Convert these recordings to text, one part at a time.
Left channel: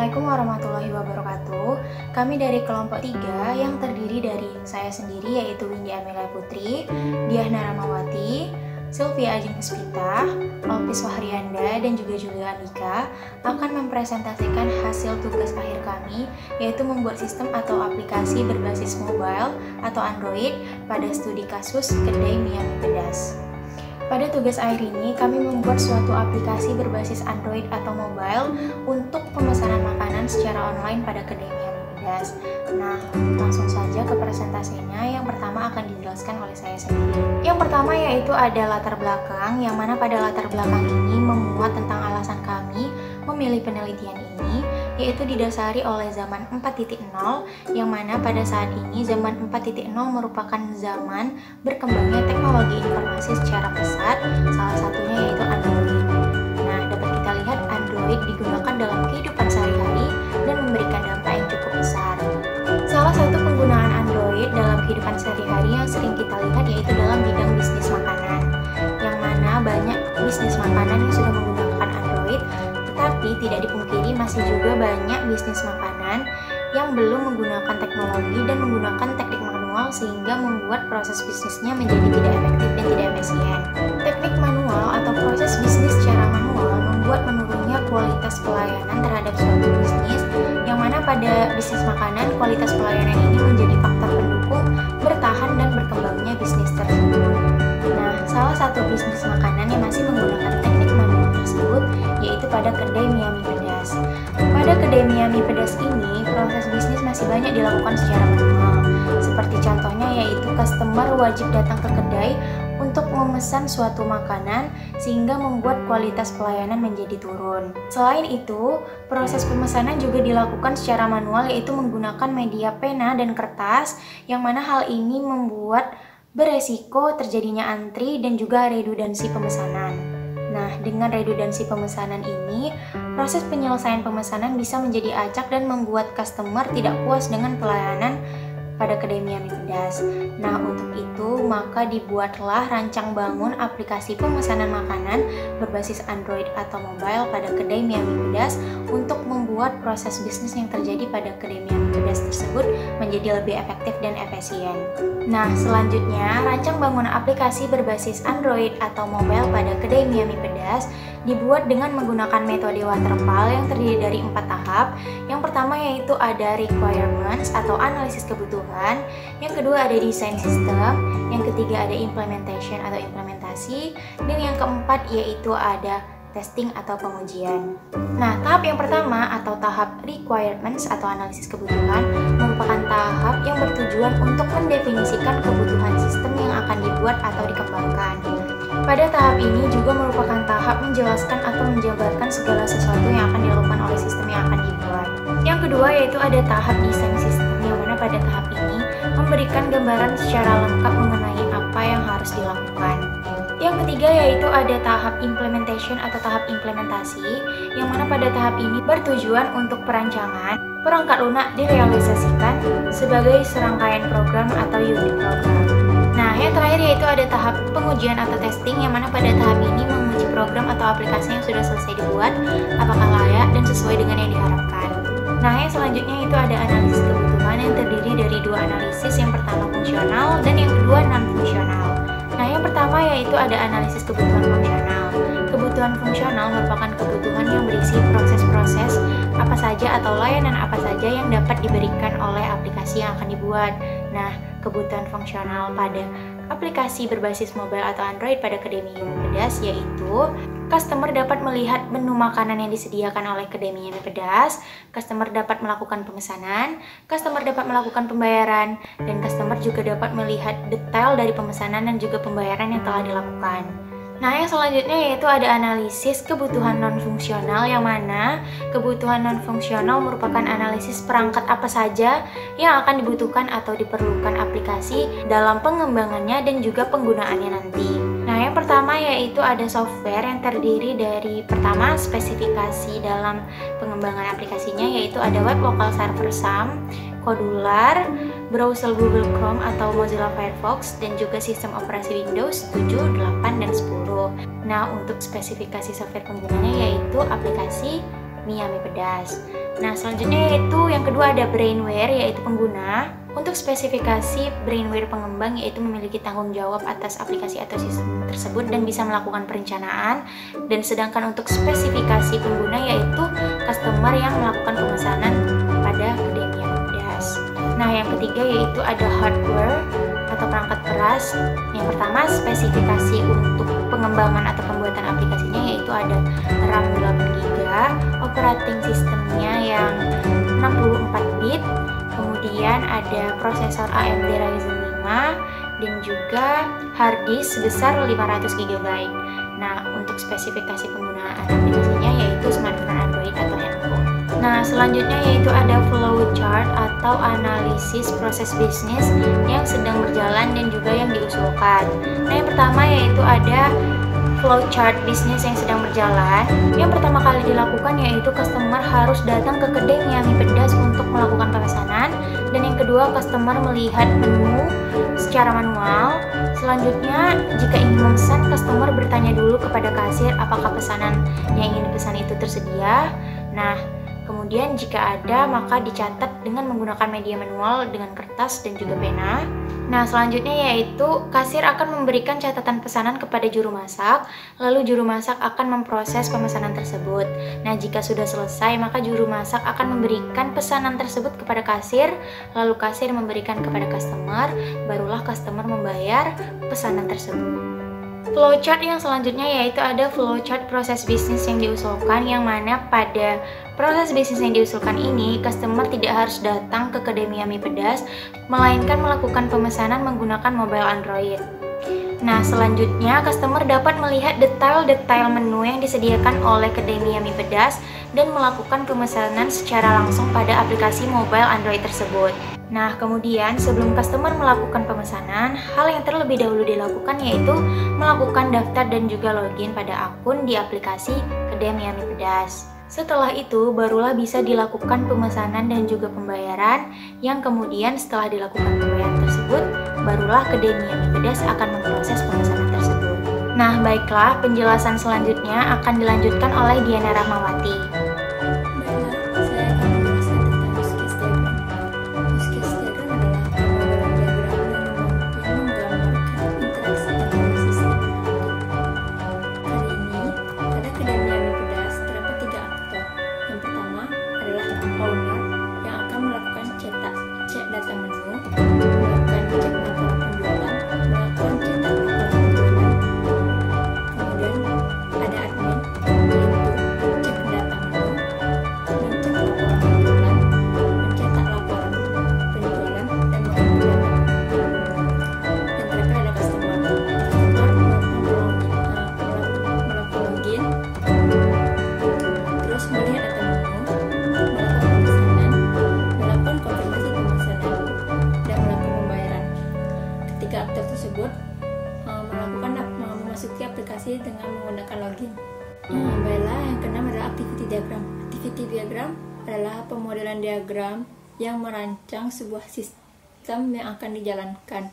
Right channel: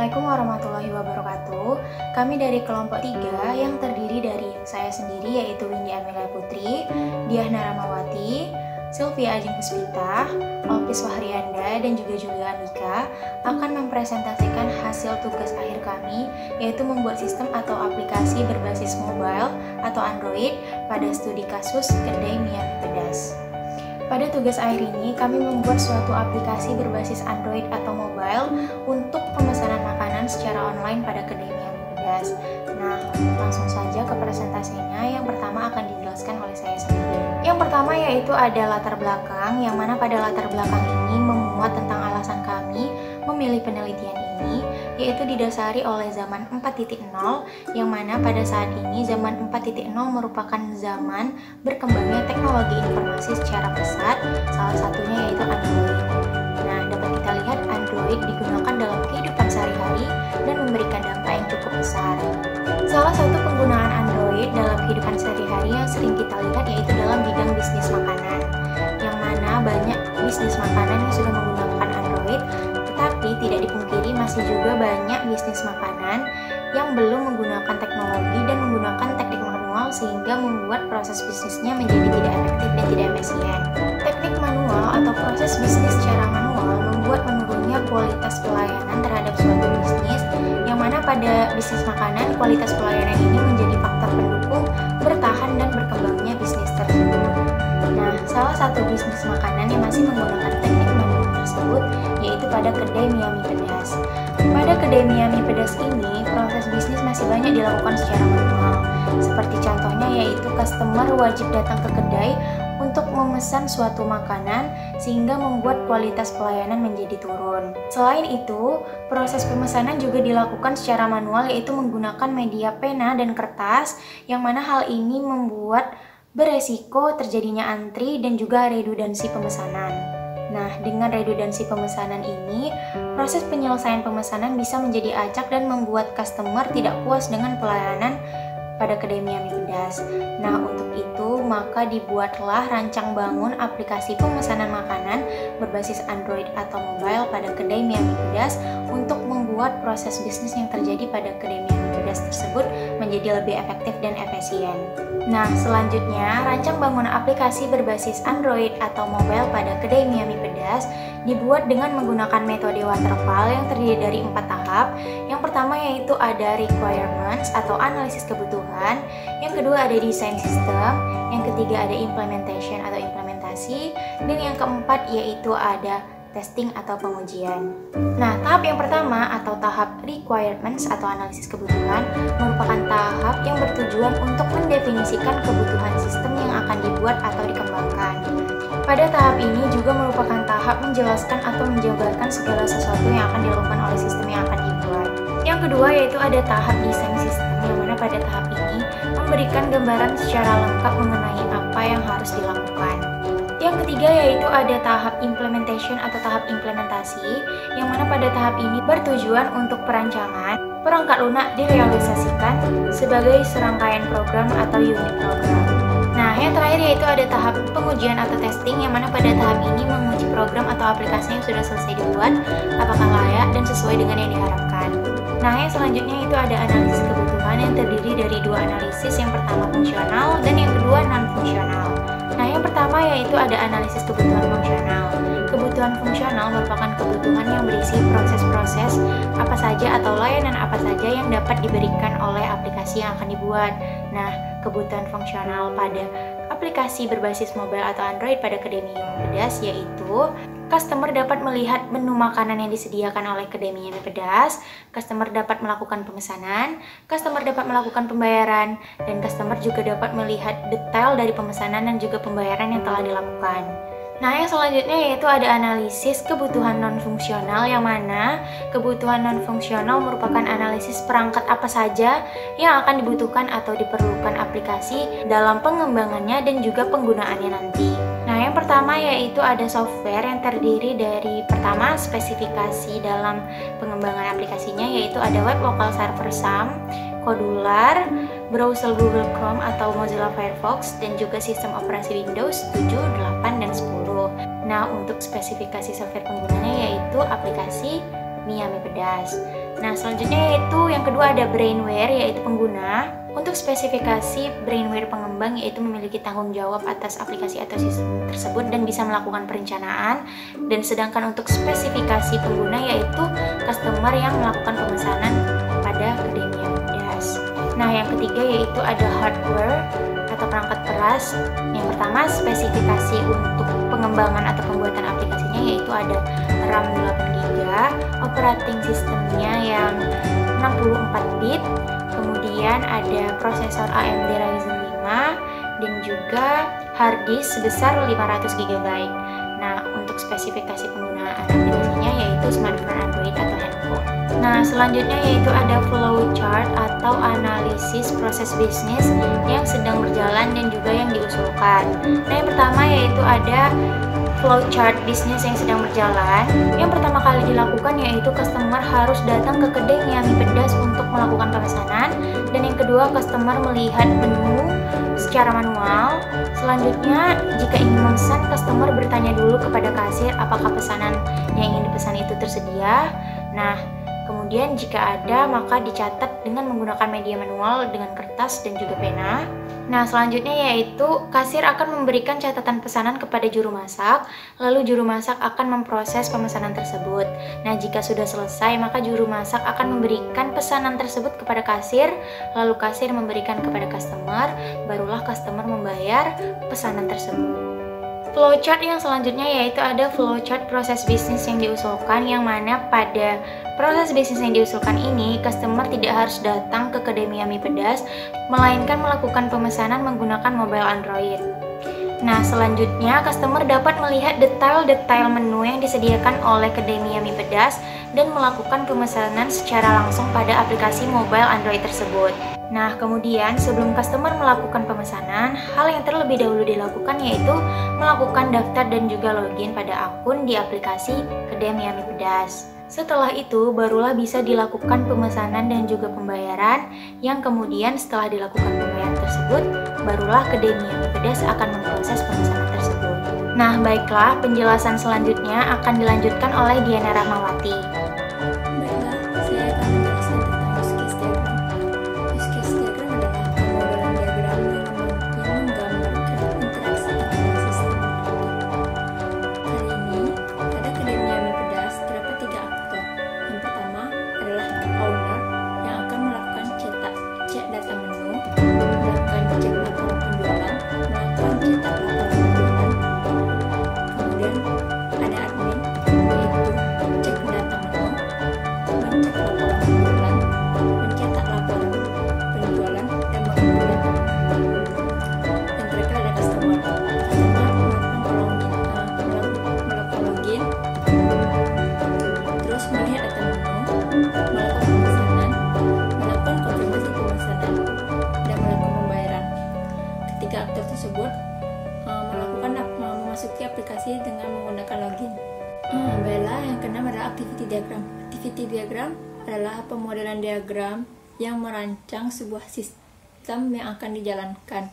Assalamualaikum warahmatullahi wabarakatuh. Kami dari kelompok 3 yang terdiri dari saya sendiri yaitu Windy Amelia Putri, Diah Naramawati, Sylvia Ajeng Puspita, Alpis Wahrianda, dan juga Julia Andika akan mempresentasikan hasil tugas akhir kami, yaitu membuat sistem atau aplikasi berbasis mobile atau Android pada studi kasus kedai mie pedas. Pada tugas akhir ini, kami membuat suatu aplikasi berbasis Android atau mobile untuk pemesanan makanan secara online pada kedai mie pedas. Nah, langsung saja ke presentasinya. Yang pertama akan dijelaskan oleh saya sendiri. Yang pertama yaitu ada latar belakang, yang mana pada latar belakang ini memuat tentang alasan kami memilih penelitian ini, yaitu didasari oleh zaman 4.0, yang mana pada saat ini zaman 4.0 merupakan zaman berkembangnya teknologi informasi secara pesat, salah satunya yaitu Android. Nah, dapat kita lihat Android digunakan dalam kehidupan sehari-hari dan memberikan dampak yang cukup besar. Salah satu penggunaan Android dalam kehidupan sehari-hari yang sering kita lihat yaitu dalam bidang bisnis makanan, yang mana banyak bisnis makanan yang sudah menggunakan Android, tetapi tidak dipungkiri masih juga banyak bisnis makanan yang belum menggunakan teknologi dan menggunakan teknik manual sehingga membuat proses bisnisnya menjadi tidak efektif dan tidak efisien. Teknik manual atau proses bisnis secara manual membuat menurunnya kualitas pelayanan terhadap suatu bisnis, yang mana pada bisnis makanan kualitas pelayanan ini menjadi faktor pendukung bertahan dan berkembangnya bisnis tersebut. Nah, salah satu bisnis makanan yang masih menggunakan teknik manual tersebut yaitu pada kedai mie pedas. Pada kedai mie pedas ini, proses bisnis masih banyak dilakukan secara manual. Seperti contohnya yaitu customer wajib datang ke kedai untuk memesan suatu makanan sehingga membuat kualitas pelayanan menjadi turun. Selain itu, proses pemesanan juga dilakukan secara manual yaitu menggunakan media pena dan kertas, yang mana hal ini membuat beresiko terjadinya antri dan juga redundansi pemesanan. Nah, dengan redundansi pemesanan ini, proses penyelesaian pemesanan bisa menjadi acak dan membuat customer tidak puas dengan pelayanan pada kedai mie pedas. Nah, untuk itu maka dibuatlah rancang bangun aplikasi pemesanan makanan berbasis Android atau mobile pada kedai mie pedas untuk membuat proses bisnis yang terjadi pada kedai mie pedas tersebut menjadi lebih efektif dan efisien. Nah, selanjutnya rancang bangun aplikasi berbasis Android atau mobile pada kedai mie pedas dibuat dengan menggunakan metode waterfall yang terdiri dari 4 tahap. Yang pertama yaitu ada requirements atau analisis kebutuhan, yang kedua ada design system, yang ketiga ada implementation atau implementasi, dan yang keempat yaitu ada testing atau pengujian. Nah, tahap yang pertama atau tahap requirements atau analisis kebutuhan merupakan tahap yang bertujuan untuk mendefinisikan kebutuhan sistem yang akan dibuat atau dikembangkan. Pada tahap ini juga merupakan tahap menjelaskan atau menjabarkan segala sesuatu yang akan dilakukan oleh sistem yang akan dibuat. Yang kedua yaitu ada tahap desain sistem, yang mana pada tahap ini memberikan gambaran secara lengkap mengenai apa yang harus dilakukan. Yang ketiga yaitu ada tahap implementation atau tahap implementasi, yang mana pada tahap ini bertujuan untuk perancangan perangkat lunak direalisasikan sebagai serangkaian program atau unit program. Nah, yang terakhir yaitu ada tahap pengujian atau testing, yang mana pada tahap ini menguji program atau aplikasi yang sudah selesai dibuat apakah layak dan sesuai dengan yang diharapkan. Nah, yang selanjutnya itu ada analisis kebutuhan yang terdiri dari 2 analisis, yang pertama fungsional dan yang kedua non-fungsional. Nah, yang pertama yaitu ada analisis kebutuhan fungsional. Kebutuhan fungsional merupakan kebutuhan yang berisi proses-proses apa saja atau layanan apa saja yang dapat diberikan oleh aplikasi yang akan dibuat. Nah, kebutuhan fungsional pada aplikasi berbasis mobile atau Android pada kedai mie pedas yaitu customer dapat melihat menu makanan yang disediakan oleh kedai mie pedas, customer dapat melakukan pemesanan, customer dapat melakukan pembayaran, dan customer juga dapat melihat detail dari pemesanan dan juga pembayaran yang telah dilakukan. Nah, yang selanjutnya yaitu ada analisis kebutuhan non-fungsional, yang mana kebutuhan non-fungsional merupakan analisis perangkat apa saja yang akan dibutuhkan atau diperlukan aplikasi dalam pengembangannya dan juga penggunaannya nanti. Nah, yang pertama yaitu ada software yang terdiri dari pertama spesifikasi dalam pengembangan aplikasinya, yaitu ada web local server SAM, Kodular, browser Google Chrome atau Mozilla Firefox, dan juga sistem operasi Windows 7, 8, dan 10. Nah, untuk spesifikasi software penggunanya yaitu aplikasi Mie Pedas. Nah, selanjutnya yaitu yang kedua ada brainware, yaitu pengguna. Untuk spesifikasi brainware pengembang yaitu memiliki tanggung jawab atas aplikasi atau sistem tersebut dan bisa melakukan perencanaan. Dan sedangkan untuk spesifikasi pengguna yaitu customer yang melakukan pemesanan pada Akademia Midas. Nah, yang ketiga yaitu ada hardware atau perangkat keras. Yang pertama, spesifikasi untuk pengembangan atau pembuatan aplikasinya yaitu ada RAM 8GB, operating sistemnya yang 64 bit, kemudian ada prosesor AMD Ryzen 5 dan juga hard disk sebesar 500GB. Nah, untuk spesifikasi penggunaan aplikasinya yaitu smartphone Android atau handphone. Nah, selanjutnya yaitu ada flowchart atau analisis proses bisnis yang sedang berjalan dan juga yang diusulkan. Nah, yang pertama yaitu ada flowchart bisnis yang sedang berjalan. Yang pertama kali dilakukan yaitu customer harus datang ke kedai mie ayam pedas untuk melakukan pemesanan, dan yang kedua customer melihat menu secara manual. Selanjutnya, jika ingin memesan, customer bertanya dulu kepada kasir apakah pesanan yang ingin dipesan itu tersedia. Nah, kemudian jika ada maka dicatat dengan menggunakan media manual dengan kertas dan juga pena. Nah, selanjutnya yaitu kasir akan memberikan catatan pesanan kepada juru masak, lalu juru masak akan memproses pemesanan tersebut. Nah, jika sudah selesai maka juru masak akan memberikan pesanan tersebut kepada kasir, lalu kasir memberikan kepada customer, barulah customer membayar pesanan tersebut. Flowchart yang selanjutnya yaitu ada flowchart proses bisnis yang diusulkan, yang mana pada proses bisnis yang diusulkan ini customer tidak harus datang ke kedai mie pedas, melainkan melakukan pemesanan menggunakan mobile Android. Nah, selanjutnya customer dapat melihat detail-detail menu yang disediakan oleh kedai mie pedas dan melakukan pemesanan secara langsung pada aplikasi mobile Android tersebut. Nah, kemudian sebelum customer melakukan pemesanan, hal yang terlebih dahulu dilakukan yaitu melakukan daftar dan juga login pada akun di aplikasi kedai mie pedas. Setelah itu, barulah bisa dilakukan pemesanan dan juga pembayaran, yang kemudian setelah dilakukan pembayaran tersebut, barulah kedai mie pedas akan memproses pemesanan tersebut. Nah, baiklah, penjelasan selanjutnya akan dilanjutkan oleh Diana Rahmawati. Baiklah, saya akan menjelaskan tentang use case diagram. Use case diagram adalah pemodelan diagram yang menggambarkan interaksi antara sistem dan produk. Kali ini, pada kedai mie pedas terdapat 3 aktor. Yang pertama adalah owner yang akan melakukan cek data menu, melakukan cek laporan penjualan, melakukan cetak laporan penjualan. Kemudian ada admin, yaitu cek data menu, mencek laporan penjualan, mencetak laporan penjualan, dan mengunduh data. Dan terakhir ada customer. Customer melakukan login, terus melihat data menu, melakukan pemesanan, melakukan konfirmasi pemesanan, dan melakukan pembayaran. Ketiga aktor tersebut memasuki aplikasi dengan menggunakan login. Baiklah, yang keenam adalah activity diagram. Activity diagram adalah pemodelan diagram yang merancang sebuah sistem yang akan dijalankan.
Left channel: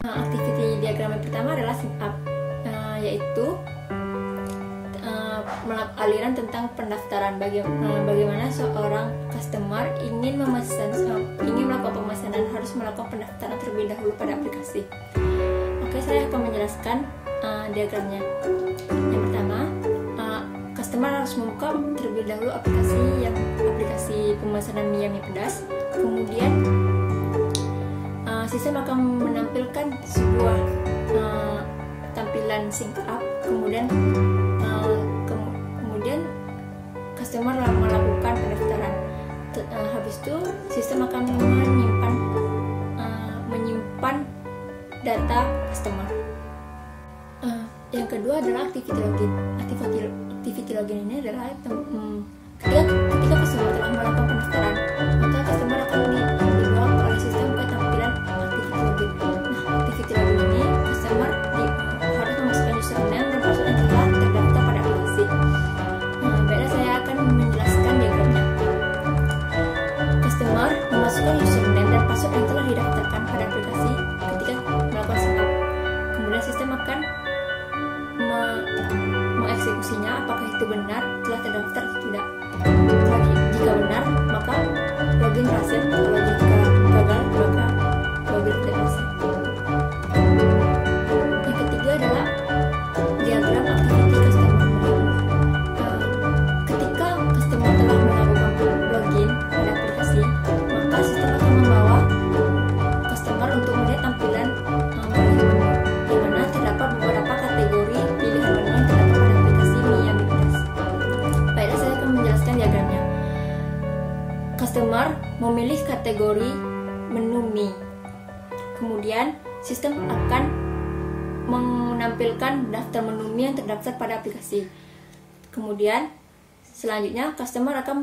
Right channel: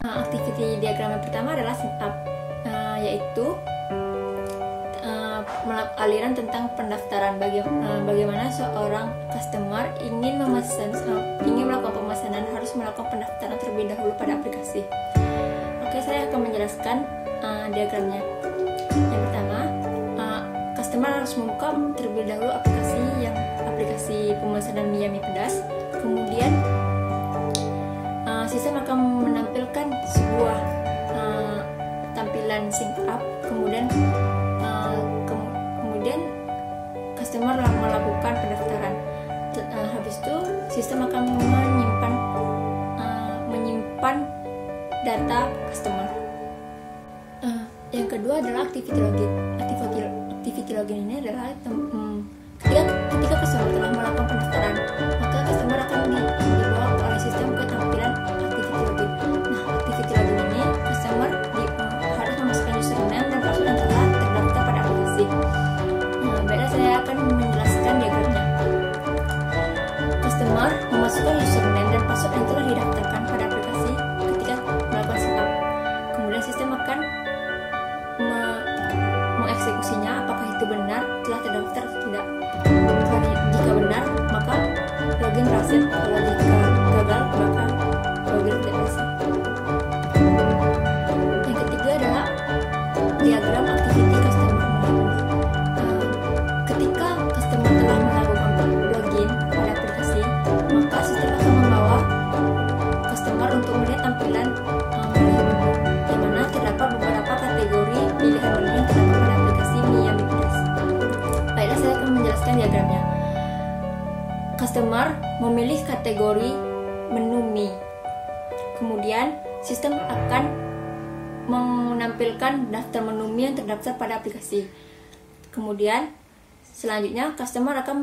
Activity diagram yang pertama adalah setup, yaitu aliran tentang pendaftaran. Bagaimana seorang customer ingin melakukan pemesanan harus melakukan pendaftaran terlebih dahulu pada aplikasi. Oke, saya akan menjelaskan diagramnya. Yang pertama, customer harus membuka terlebih dahulu aplikasi pemesanan mie pedas. Kemudian sistem akan menampilkan sebuah tampilan sync up. Kemudian customer melakukan pendaftaran. Habis itu sistem akan menyimpan data customer. Yang kedua adalah activity login. Activity login ini adalah ketika customer telah melakukan pendaftaran, maka customer akan dibawa oleh sistem ke tampilan activity login. Nah, activity login ini customer harus memasukkan username dan password yang telah terdaftar pada aplikasi. Baiklah, saya akan menjelaskan diagramnya. Customer memasukkan username dan password yang telah didaftarkan pada aplikasi ketika melakukan setup. Kemudian sistem akan mengeksekusinya apakah itu benar telah terdaftar atau tidak. Jika Jika benar, maka login berhasil. Kalau jika gagal, maka login tidak berhasil. Yang ketiga adalah diagram activity customer management. Ketika customer telah melakukan login pada aplikasi, maka sistem akan membawa customer untuk melihat tampilan menu, yang mana terdapat beberapa kategori pilihan menu yang terdapat pada aplikasi Miami Plus. Baiklah, saya akan menjelaskan diagramnya. Customer memilih kategori menu Mi. Kemudian sistem akan menampilkan daftar menu Mi yang terdaftar pada aplikasi. Kemudian selanjutnya customer akan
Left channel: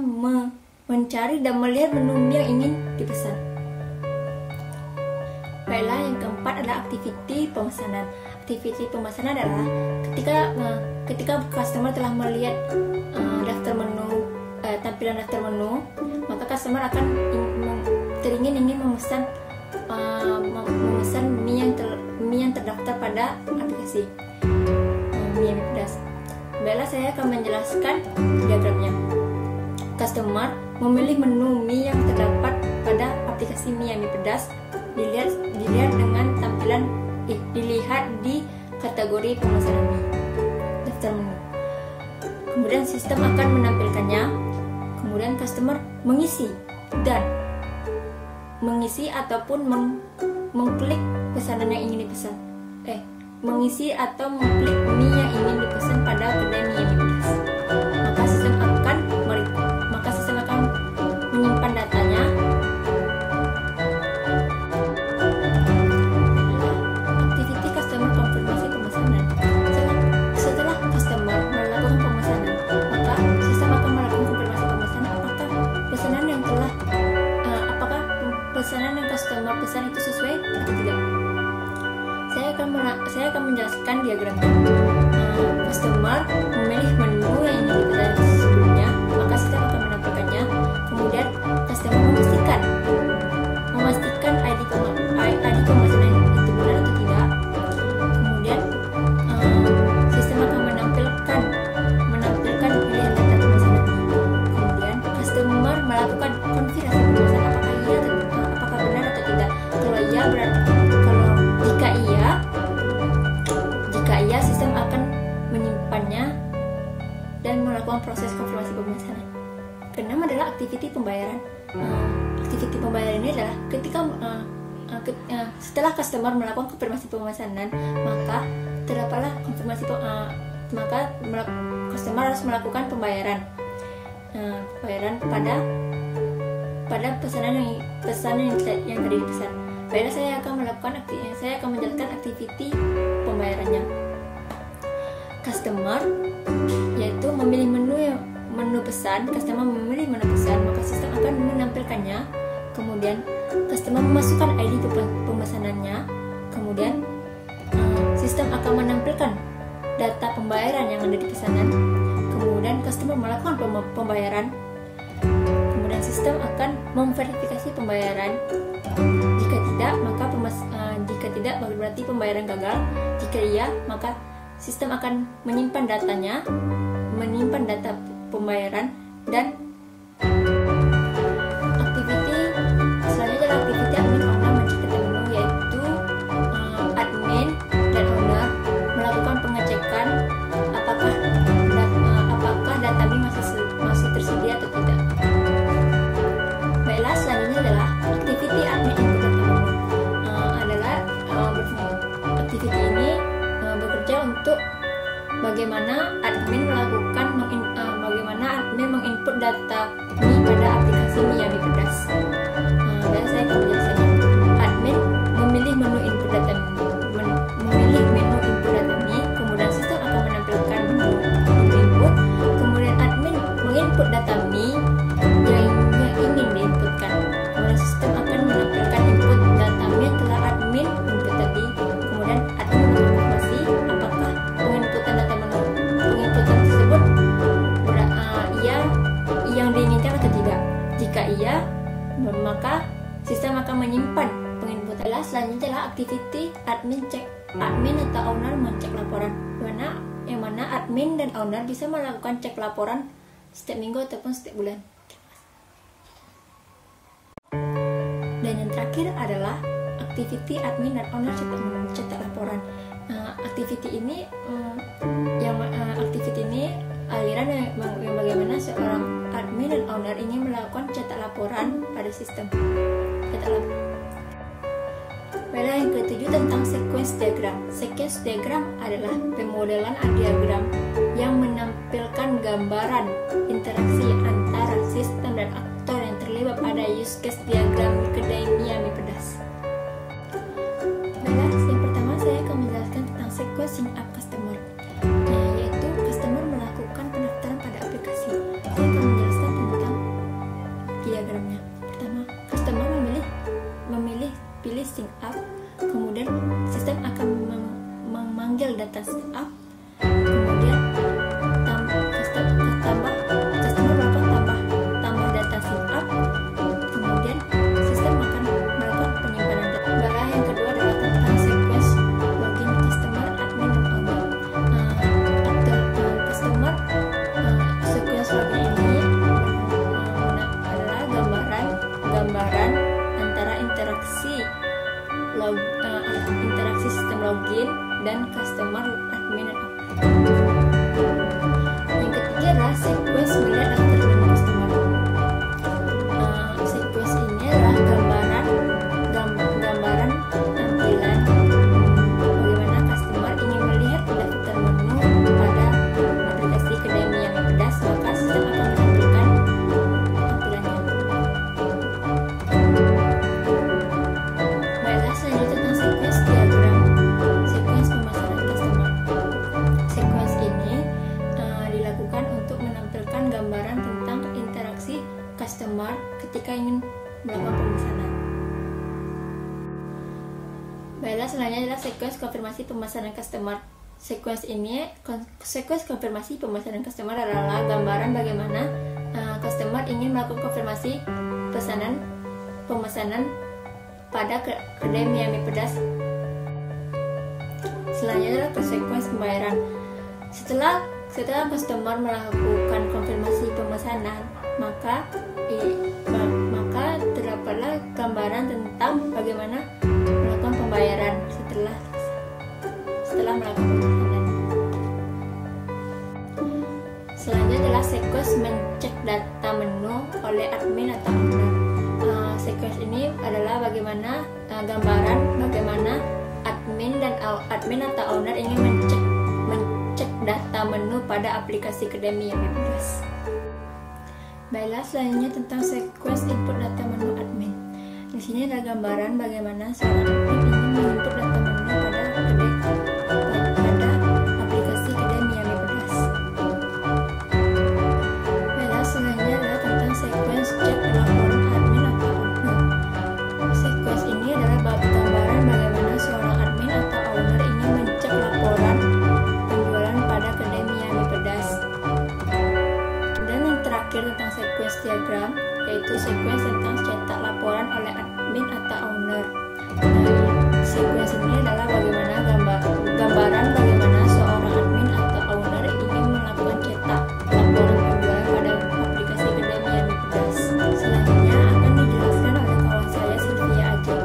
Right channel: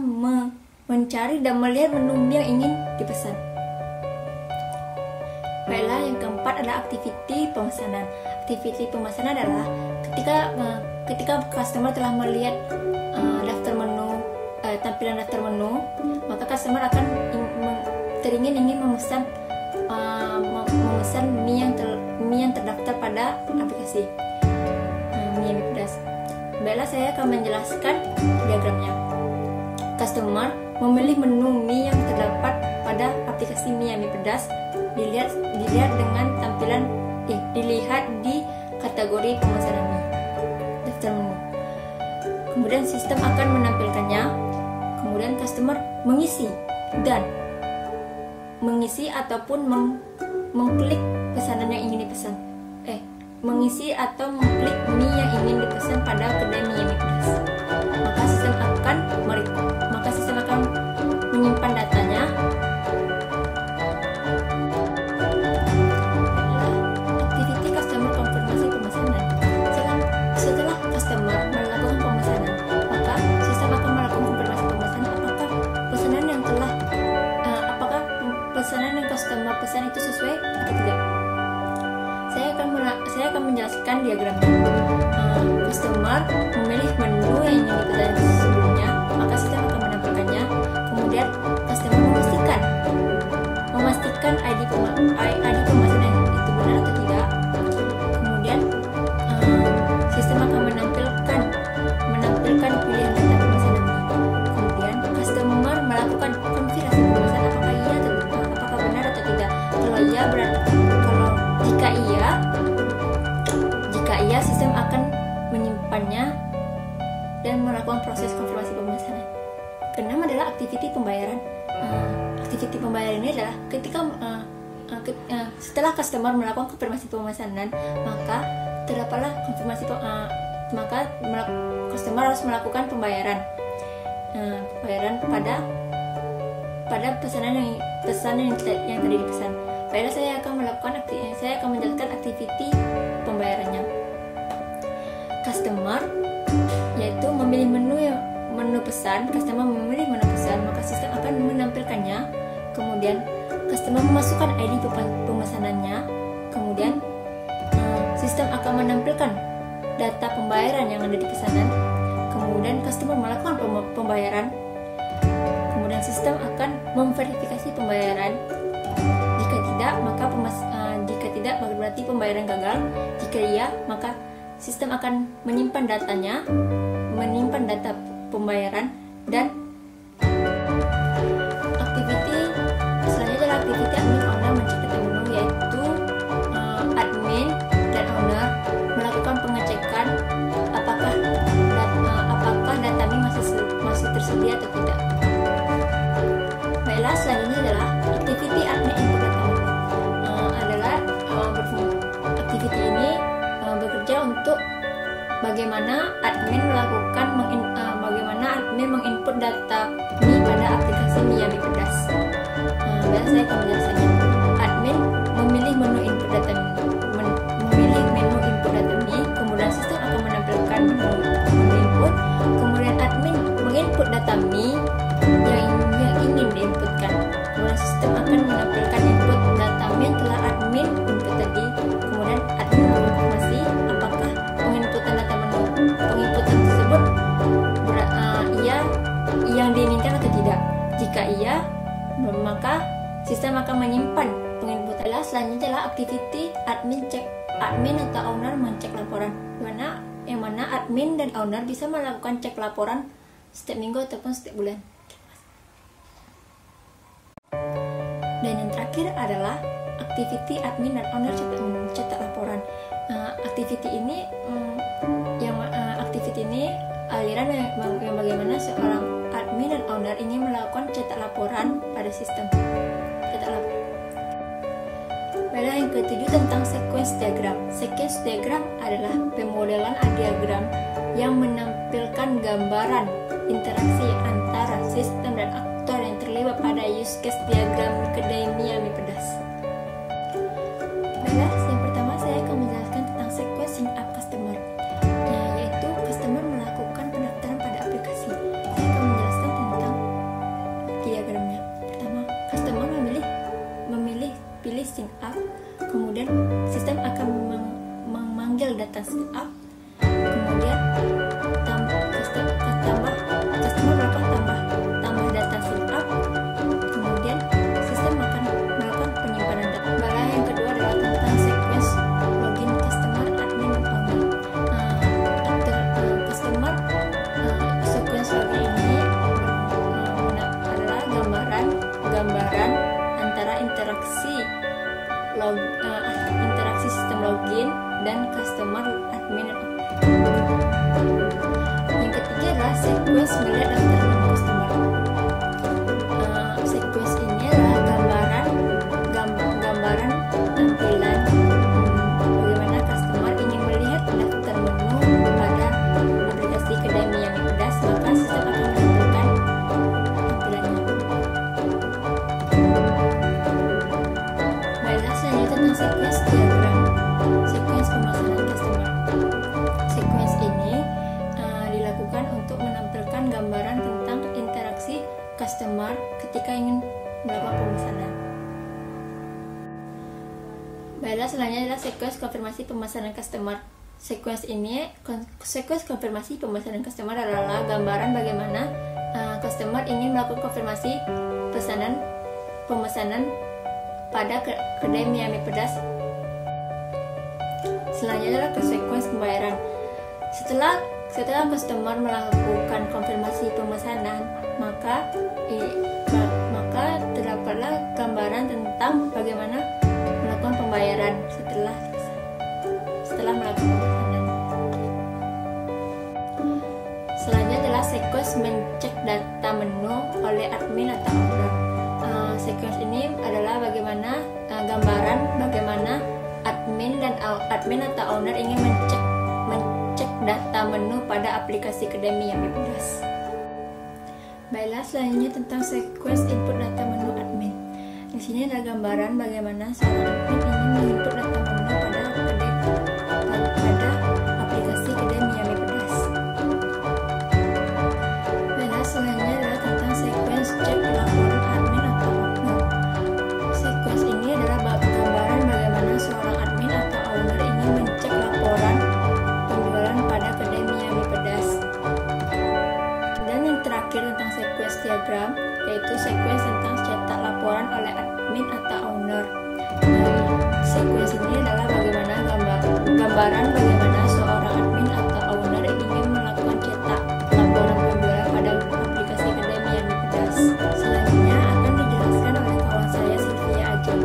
mencari dan melihat menu Mi yang ingin dipesan. Baiklah, yang keempat adalah aktiviti pemesanan. Aktiviti pemesanan adalah ketika customer telah melihat daftar menu, tampilan daftar menu, maka customer akan ingin memesan mie yang terdaftar pada aplikasi Miami Pedas. Baiklah, saya akan menjelaskan diagramnya. Customer memilih menu mie yang terdapat pada aplikasi Miami Pedas. Dilihat dengan tampilan dilihat di kategori pemesanan mie, daftar menu. Kemudian sistem akan menampilkannya. Kemudian customer mengisi ataupun mengklik pesanan yang ingin dipesan. Mengisi atau mengklik mie yang ingin dipesan pada kedai Miami Pedas. Maka sistem akan menyimpan datanya. Aktiviti customer konfirmasi pemesanan. Setelah customer melakukan pemesanan, maka sistem akan melakukan konfirmasi pemesanan apakah pesanan yang customer pesan itu sesuai atau tidak. Saya akan menjelaskan diagramnya. Customer memilih menu yang ingin dipesan sebelumnya, maka sistem akan menampilkannya. Kemudian customer memastikan ID pemesanan itu benar atau tidak. Kemudian sistem akan menampilkan pilihan data pemesanan. Kemudian customer melakukan konfirmasi pemesanan apakah benar atau tidak. Jika iya, sistem akan menyimpannya dan melakukan proses konfirmasi pemesanan. Keenam adalah aktiviti pembayaran. Aktiviti pembayaran ini adalah ketika setelah customer melakukan konfirmasi pemesanan, maka terdapatlah customer harus melakukan pembayaran pada pesanan yang tadi dipesan. Baiklah, saya akan menjelaskan aktiviti pembayarannya. Customer yaitu memilih menu pesan. Customer memilih menu pesan, maka sistem akan menampilkannya. Kemudian customer memasukkan ID pemesanannya. Kemudian sistem akan menampilkan data pembayaran yang ada di pesanan. Kemudian customer melakukan pembayaran. Kemudian sistem akan memverifikasi pembayaran. Jika tidak, berarti pembayaran gagal. Jika iya, maka sistem akan menyimpan data pembayaran. Dan aktiviti selanjutnya adalah aktiviti admin owner mencek data menu, yaitu admin dan owner melakukan pengecekan apakah data menu masih tersedia atau tidak. Baiklah, selanjutnya adalah aktiviti admin input data menu. Aktiviti ini bekerja untuk bagaimana admin menginput data mie pada aplikasi Miami Pedas. Dan saya akan menjelaskannya. Admin memilih menu input data mie, kemudian sistem akan menampilkan menu input. Kemudian admin menginput data mie yang ingin diinputkan. Kemudian sistem akan menampilkan input data mie yang telah admin input tadi. Kemudian admin mengkonfirmasi apakah penginputan tersebut yang diinginkan atau tidak. Jika iya, maka sistem akan menyimpan penginputan. Selanjutnya adalah aktiviti admin atau owner mencek laporan, yang mana admin dan owner bisa melakukan cek laporan setiap minggu ataupun setiap bulan. Dan yang terakhir adalah activity admin dan owner cetak laporan. Activity ini aliran yang bagaimana seorang admin dan owner ingin melakukan cetak laporan pada sistem cetak laporan. Baiklah, yang ketujuh tentang sequence diagram. Sequence diagram adalah pemodelan diagram yang menampilkan gambaran interaksi antara sistem dan aktor yang terlibat pada use case diagram Macadamia MIPEDAS. Baiklah, yang pertama saya akan menjelaskan tentang sequencing up customer, yaitu customer melakukan pendaftaran pada aplikasi. Saya akan menjelaskan tentang diagramnya. Pertama, customer pilih sync up, kemudian sistem akan memanggil data sync up, kemudian customer melakukan tambah data sync up, kemudian sistem akan melakukan penyimpanan data. Baiklah, yang kedua adalah tentang sequence login customer, admin, dan owner. Sequence login ini adalah gambaran antara interaksi sistem login dan customer, admin, dan owner. Yang ketiga adalah sequence melihat daftar menu customer. Sequence ini adalah gambaran tampilan bagaimana customer ingin melihat daftar menu pada aplikasi Macadamia MIPEDAS, maka sistem akan menampilkan tampilannya. Baiklah, selanjutnya tentang sequence diagram, sequence pemesanan customer. Sequence ini dilakukan untuk menampilkan gambaran tentang interaksi customer ketika ingin melakukan pemesanan. Baiklah, selanjutnya adalah sequence konfirmasi pemesanan customer. Sequence konfirmasi pemesanan customer adalah gambaran bagaimana customer ingin melakukan konfirmasi pemesanan pada Macadamia MIPEDAS. Selanjutnya adalah sequence pembayaran. Setelah customer melakukan konfirmasi pemesanan, maka terdapatlah gambaran tentang bagaimana melakukan pembayaran setelah melakukan pemesanan. Selanjutnya adalah sequence mencek data menu oleh admin atau owner. Sequence ini adalah gambaran bagaimana admin atau owner ingin mencek data menu pada aplikasi Macadamia MIPEDAS. Baiklah, selanjutnya tentang sequence input data menu admin. Di sini ada gambaran bagaimana seorang admin ingin menginput data menu pada aplikasi Macadamia MIPEDAS. Baiklah, selanjutnya adalah tentang sequence cek laporan admin atau owner. Sequence ini adalah gambaran bagaimana seorang admin atau owner ingin mencek laporan penjualan pada Macadamia MIPEDAS. Dan yang terakhir tentang sequence diagram, yaitu sequence tentang cetak laporan oleh admin atau owner. Sequence ini adalah gambaran bagaimana seorang admin atau owner ingin melakukan cetak laporan penjualan pada aplikasi Macadamia MIPEDAS. Selanjutnya akan dijelaskan oleh kawan saya Sylvia Ajeng.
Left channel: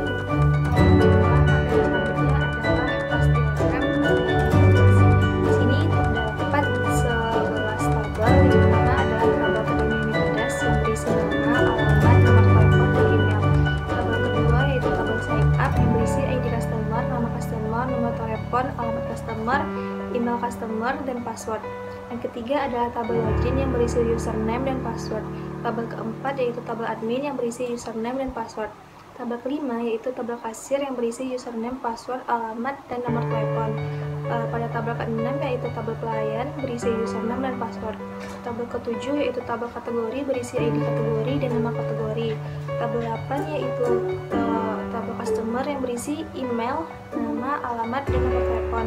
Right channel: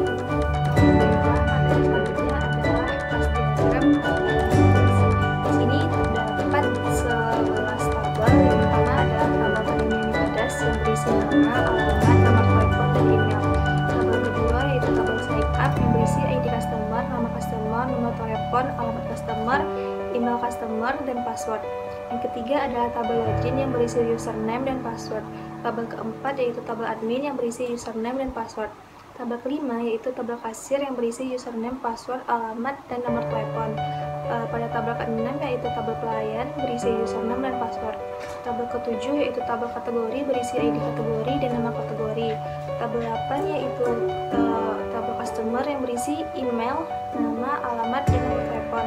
Materi selanjutnya adalah kelas diagram. Di sini terdapat 11 tabel. Yang pertama adalah tabel Macadamia MIPEDAS yang berisi nama, alamat, nomor telepon, dan email. Tabel kedua yaitu tabel sign up yang berisi ID customer, nama customer, nomor telepon, alamat customer, email customer, dan password. Yang ketiga adalah tabel login yang berisi username dan password. Tabel keempat yaitu tabel admin yang berisi username dan password. Tabel kelima yaitu tabel kasir yang berisi username, password, alamat, dan nomor telepon. Pada tabel keenam yaitu tabel pelayan berisi username dan password. Tabel ketujuh yaitu tabel kategori berisi ID kategori dan nama kategori. Tabel 8 yaitu tabel customer yang berisi email, nama, alamat, dan nomor telepon.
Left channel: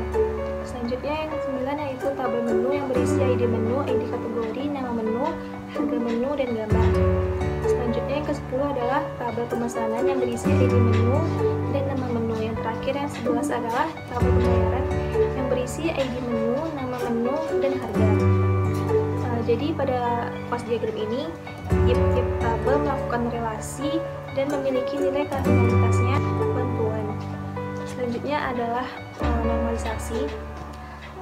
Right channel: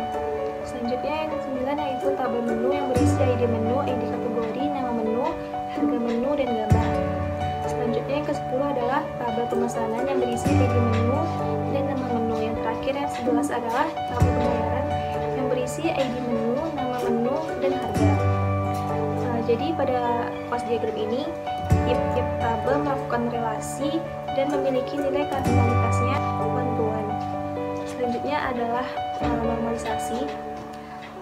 Selanjutnya yang ke-9 yaitu tabel menu yang berisi ID menu, ID kategori, nama menu, harga menu, dan gambar. Selanjutnya yang ke-10 adalah tabel pemesanan yang berisi ID menu dan nama menu. Yang terakhir yang 11 adalah tabel pembayaran yang berisi ID menu, nama menu, dan harga. Jadi pada kelas diagram ini tiap-tiap tabel melakukan relasi dan memiliki nilai kardinalitasnya bantuan. Selanjutnya adalah normalisasi.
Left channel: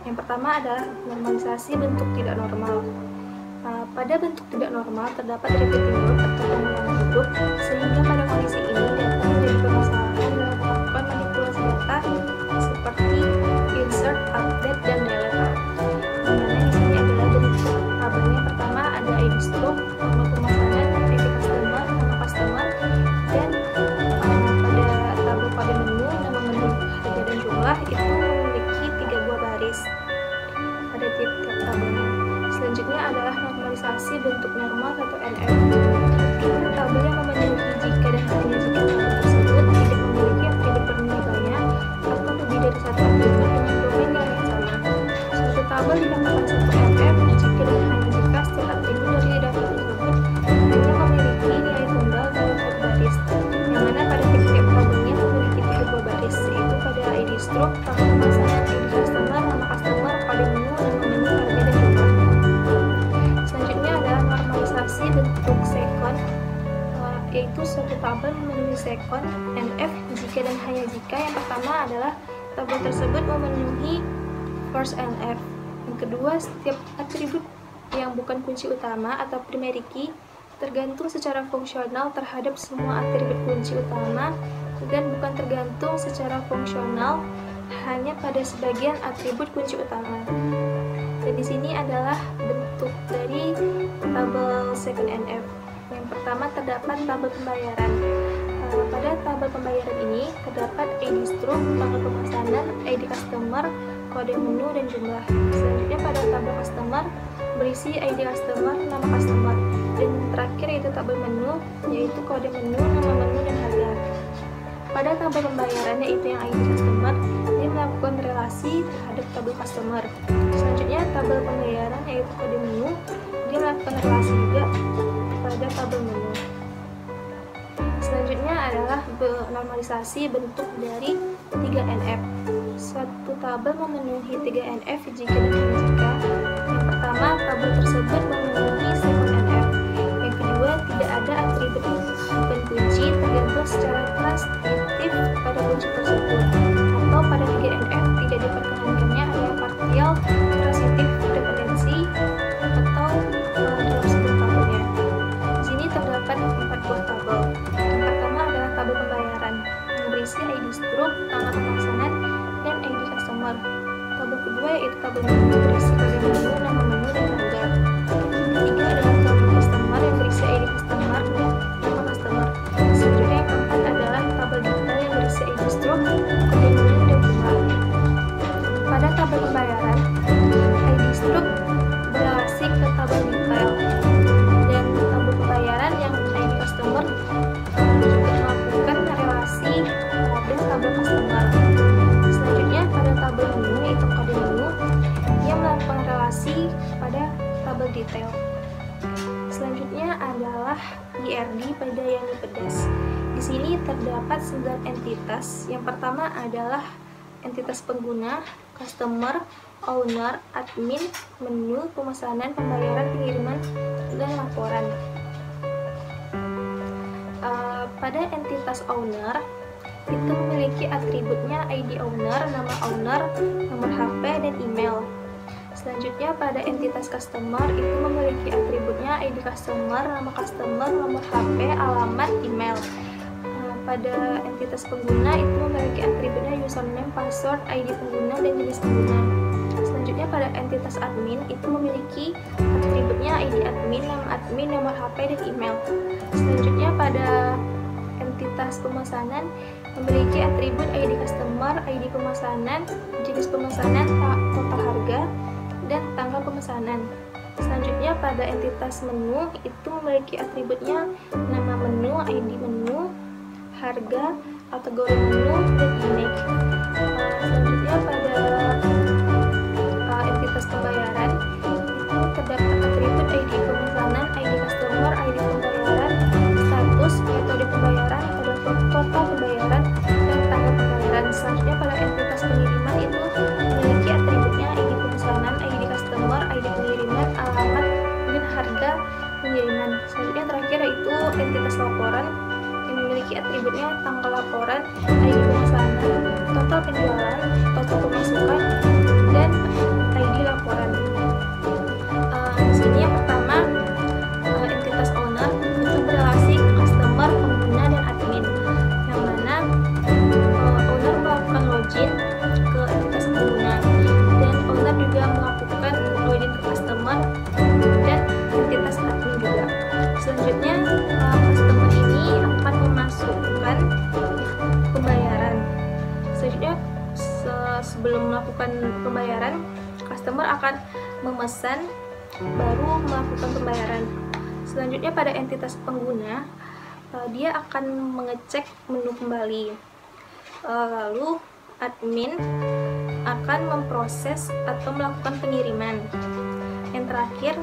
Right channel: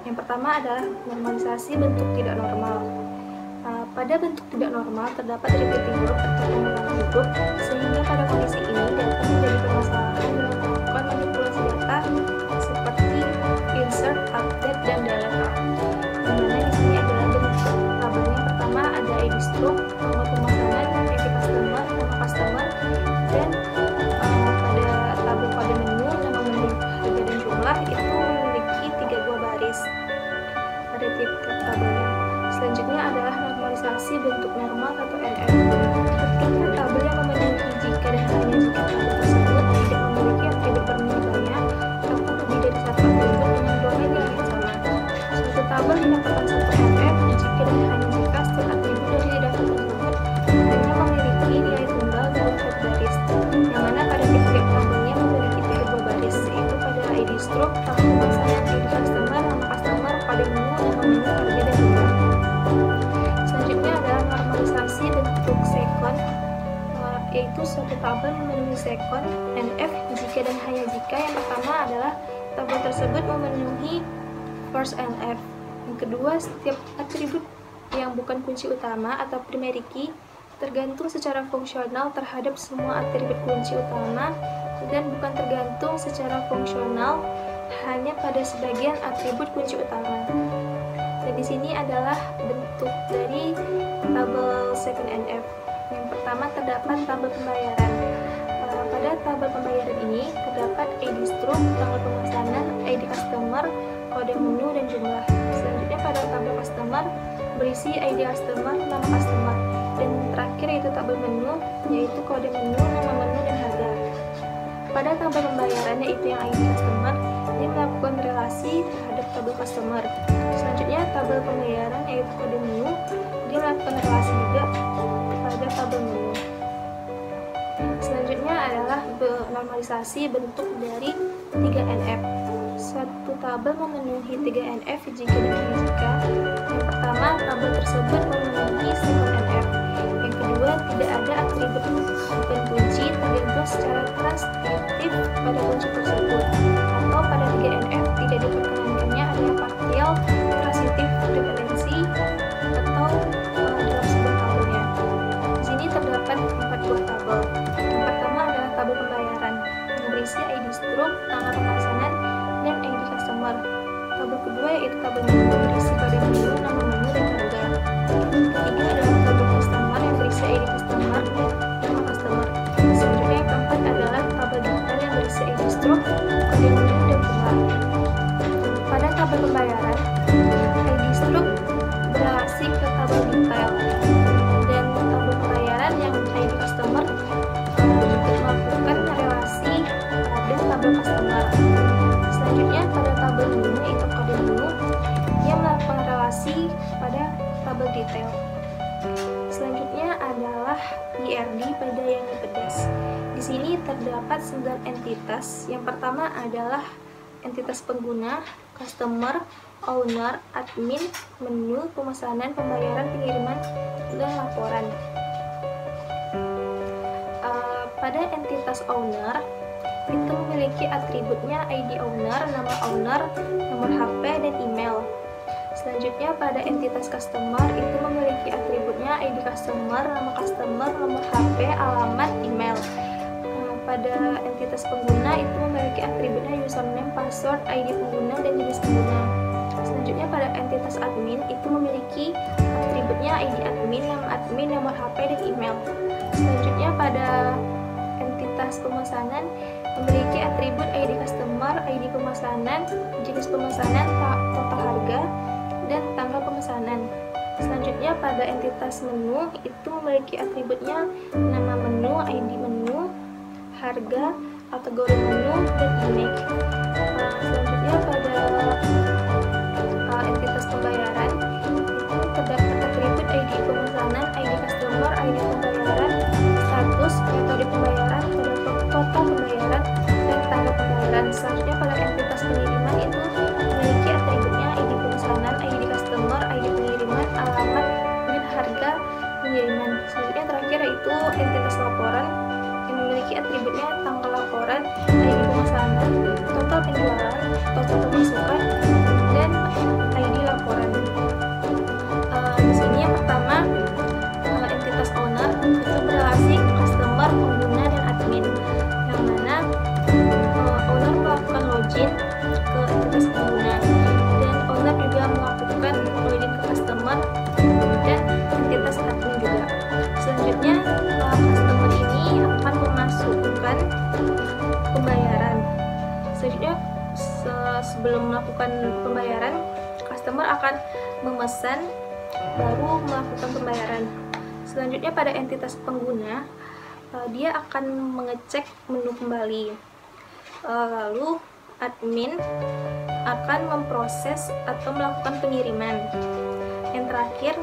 Yang pertama adalah normalisasi bentuk tidak normal. Pada bentuk tidak normal terdapat repeating group atau pengulangan grup, sehingga pada kondisi ini data menjadi permasalahan dalam melakukan manipulasi data seperti insert, update, dan delete. Dimana di sini adalah bentuk tabelnya. Pertama ada ID struct, tanggal pemesanan, ID customer, nama customer, dan pada tabel kode menu, nama menu, harga dan jumlah itu memiliki 3 buah baris pada tiap-tiap tabelnya. Selanjutnya adalah normalisasi bentuk normal atau NF. Ketika tabel yang memenuhi jika dan hanya jika tabel tersebut tidak memiliki atribut bernilai banyak atau lebih dari satu atribut dengan domain yang sama. Suatu tabel dikatakan satu NF jika dan hanya jika setiap atribut dari data tersebut hanya memiliki nilai tunggal dalam satu baris, yang mana pada tiap-tiap tabelnya memiliki 3 buah baris, yaitu pada ID struct, tanggal pemesanan, ID customer, nama customer, kode menu, nama menu, harga dan jumlah. Selanjutnya adalah normalisasi bentuk second, yaitu suatu tabel memenuhi second NF jika dan hanya jika yang pertama adalah tabel tersebut memenuhi first NF. Yang kedua, setiap atribut yang bukan kunci utama atau primary key tergantung secara fungsional terhadap semua atribut kunci utama dan bukan tergantung secara fungsional hanya pada sebagian atribut kunci utama. Dan di sini adalah bentuk dari tabel second NF. Yang pertama terdapat tabel pembayaran. Pada tabel pembayaran ini terdapat ID struct, tanggal pemesanan, ID customer, kode menu, dan jumlah. Selanjutnya pada tabel customer berisi ID customer, nama customer, dan terakhir yaitu tabel menu, yaitu kode menu, nama menu, dan harga. Pada tabel pembayaran yaitu yang ID customer, dia melakukan relasi terhadap tabel customer. Selanjutnya tabel pembayaran yaitu kode menu, dia melakukan relasi juga kepada tabel menu. Selanjutnya adalah normalisasi bentuk dari 3 NF. Suatu tabel memenuhi 3 NF jika dan hanya jika yang pertama tabel tersebut memenuhi second NF. Yang kedua, tidak ada atribut bukan kunci tergantung secara transitif pada kunci tersebut, atau pada 3 NF tidak diperkenankannya adanya partial transitif dependensi atau dalam sebuah tabelnya. Di sini terdapat 4 buah tabel. Yang pertama adalah tabel pembayaran yang berisi ID struct, tanggal pemesanan, dan ID customer. Tabel kedua yaitu tabel menu berisi kode menu, nama menu, dan harga. Ketiga adalah tabel customer yang berisi ID customer dan nama customer. Selanjutnya yang keempat adalah tabel detail yang berisi ID struct, kode menu, dan jumlah. Pada tabel pembayaran, ID struct berelasi ke tabel detail, dan tabel pembayaran yang ID customer juga melakukan relasi pada tabel customer. Selanjutnya pada tabel menu yaitu kode menu, dia melakukan relasi pada tabel detail. Selanjutnya adalah IRD pada yang pedas. Di sini terdapat 9 entitas. Yang pertama adalah entitas pengguna, customer, owner, admin, menu, pemesanan, pembayaran, pengiriman, dan laporan. Pada entitas owner itu memiliki atributnya ID owner, nama owner, nomor HP, dan email. Selanjutnya pada entitas customer itu memiliki atributnya ID customer, nama customer, nomor HP, alamat, email. Pada entitas pengguna itu memiliki atributnya username, password, ID pengguna, dan jenis pengguna. Selanjutnya pada entitas admin itu memiliki atributnya ID admin, nama admin, nomor HP, dan email. Selanjutnya pada entitas pemesanan memiliki atribut ID customer, ID pemesanan, jenis pemesanan, total harga, dan tanggal pemesanan. Selanjutnya pada entitas menu itu memiliki atributnya nama menu, ID menu, harga, kategori menu, dan image. Selanjutnya pada entitas pembayaran itu terdapat atribut ID pemesanan, ID customer, ID pembayaran, status, metode pembayaran, pada total pembayaran, dan tanggal pembayaran. Selanjutnya pada entitas pengiriman itu memiliki atributnya ID pemesanan, ID customer, ID pengiriman, alamat, dan harga, pengiriman. Selanjutnya terakhir yaitu entitas laporan yang memiliki atributnya tanggal laporan, ID pemesanan, total penjualan, total pemasukan, dan ID laporan. Di sini yang pertama entitas owner itu berrelasi ke customer, pengguna, dan admin, yang mana owner melakukan login ke entitas pengguna dan owner juga melakukan login ke customer dan entitas admin juga. Selanjutnya customer ini akan memasukkan pembayaran. Selanjutnya sebelum melakukan pembayaran, customer akan memesan baru melakukan pembayaran. Selanjutnya pada entitas pengguna, dia akan mengecek menu kembali. Lalu admin akan memproses atau melakukan pengiriman. Yang terakhir,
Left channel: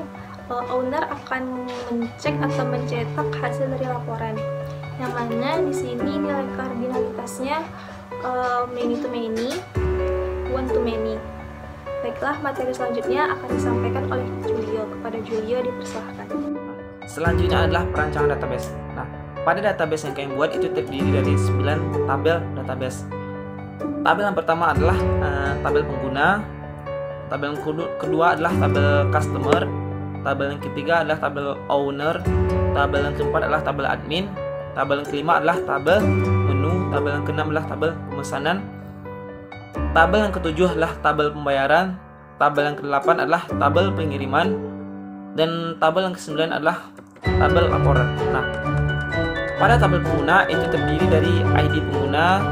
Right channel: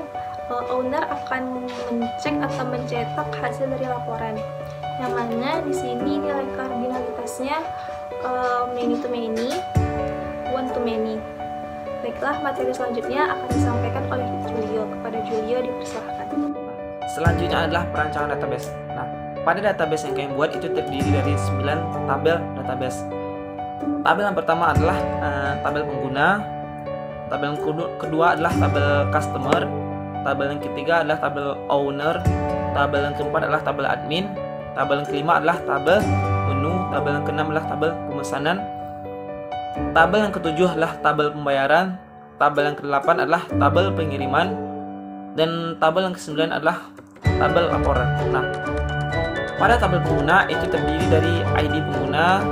owner akan mencek atau mencetak hasil dari laporan. Yang mana di sini nilai kardinalitasnya many to many, one to many. Baiklah, materi selanjutnya akan disampaikan oleh Julio. Kepada Julio dipersilahkan. Selanjutnya adalah perancangan database. Nah, pada database yang kalian buat itu terdiri dari 9 tabel database. Tabel yang pertama adalah tabel pengguna. Tabel yang kedua adalah tabel customer. Tabel yang ketiga adalah tabel owner. Tabel yang keempat adalah tabel admin. Tabel yang kelima adalah tabel menu. Tabel yang keenam adalah tabel pemesanan. Tabel yang ketujuh adalah tabel pembayaran. Tabel yang kedelapan adalah tabel pengiriman. Dan tabel yang kesembilan adalah tabel laporan. Nah, pada tabel pengguna itu terdiri dari ID pengguna,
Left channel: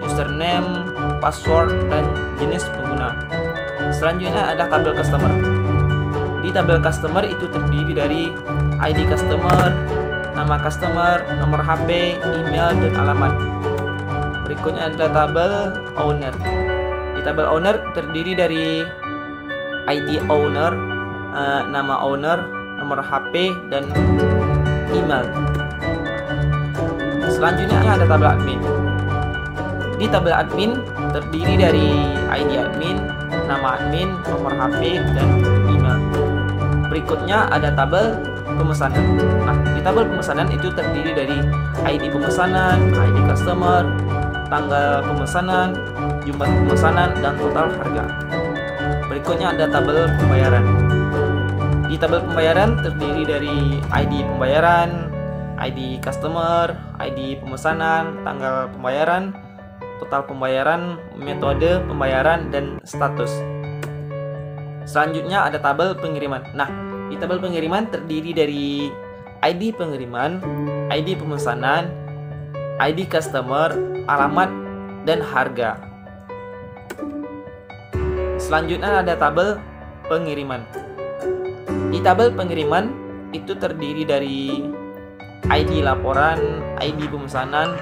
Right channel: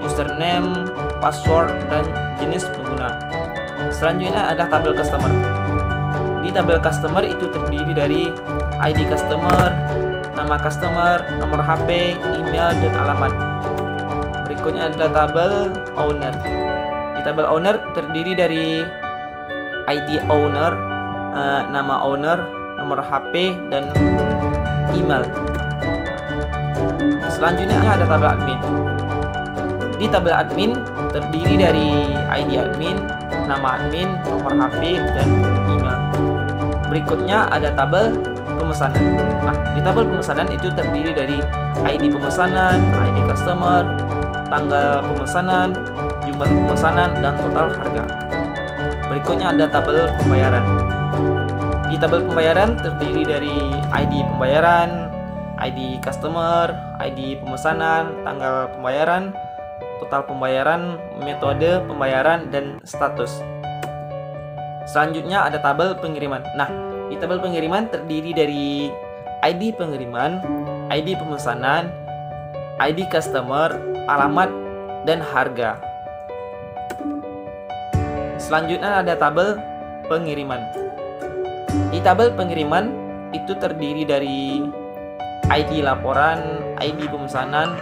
username, password, dan jenis pengguna. Selanjutnya adalah tabel customer. Di tabel customer itu terdiri dari ID customer, nama customer, nomor HP, email, dan alamat. Berikutnya adalah tabel owner. Di tabel owner terdiri dari ID owner, nama owner, nomor HP, dan email. Selanjutnya ada tabel admin. Di tabel admin terdiri dari ID admin, nama admin, nomor HP, dan email. Berikutnya ada tabel pemesanan. Nah, di tabel pemesanan itu terdiri dari ID pemesanan, ID customer, tanggal pemesanan, jumlah pemesanan, dan total harga. Berikutnya ada tabel pembayaran. Di tabel pembayaran terdiri dari ID pembayaran, ID customer, ID pemesanan, tanggal pembayaran, total pembayaran, metode pembayaran, dan status. Selanjutnya ada tabel pengiriman. Nah, di tabel pengiriman terdiri dari ID pengiriman, ID pemesanan, ID customer, alamat, dan harga. Selanjutnya ada tabel pengiriman. Di tabel pengiriman itu terdiri dari ID laporan, ID pemesanan,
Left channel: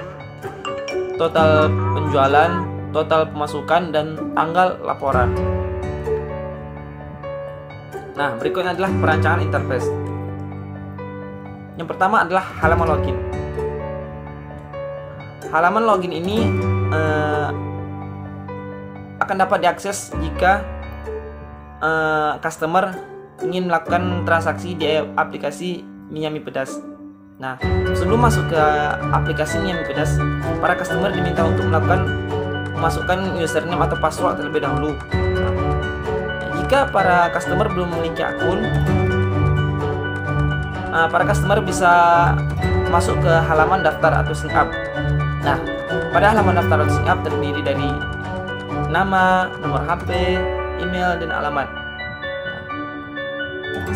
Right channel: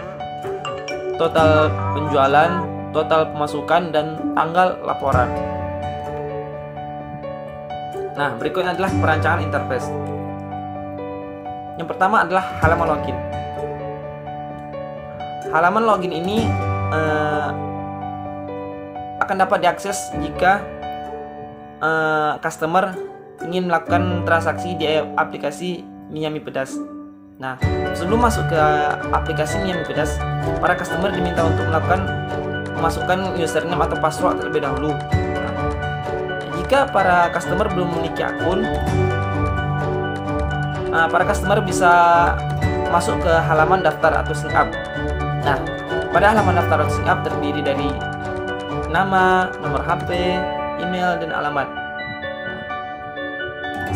total penjualan, total pemasukan, dan tanggal laporan. Nah, berikutnya adalah perancangan interface. Yang pertama adalah halaman login. Halaman login ini akan dapat diakses jika customer ingin melakukan transaksi di aplikasi Miami Pedas. Nah, sebelum masuk ke aplikasi Miami Pedas, para customer diminta untuk memasukkan username atau password terlebih dahulu. Nah, jika para customer belum memiliki akun, para customer bisa masuk ke halaman daftar atau sign up. Nah, pada halaman daftar atau sign up terdiri dari nama, nomor HP, email, dan alamat.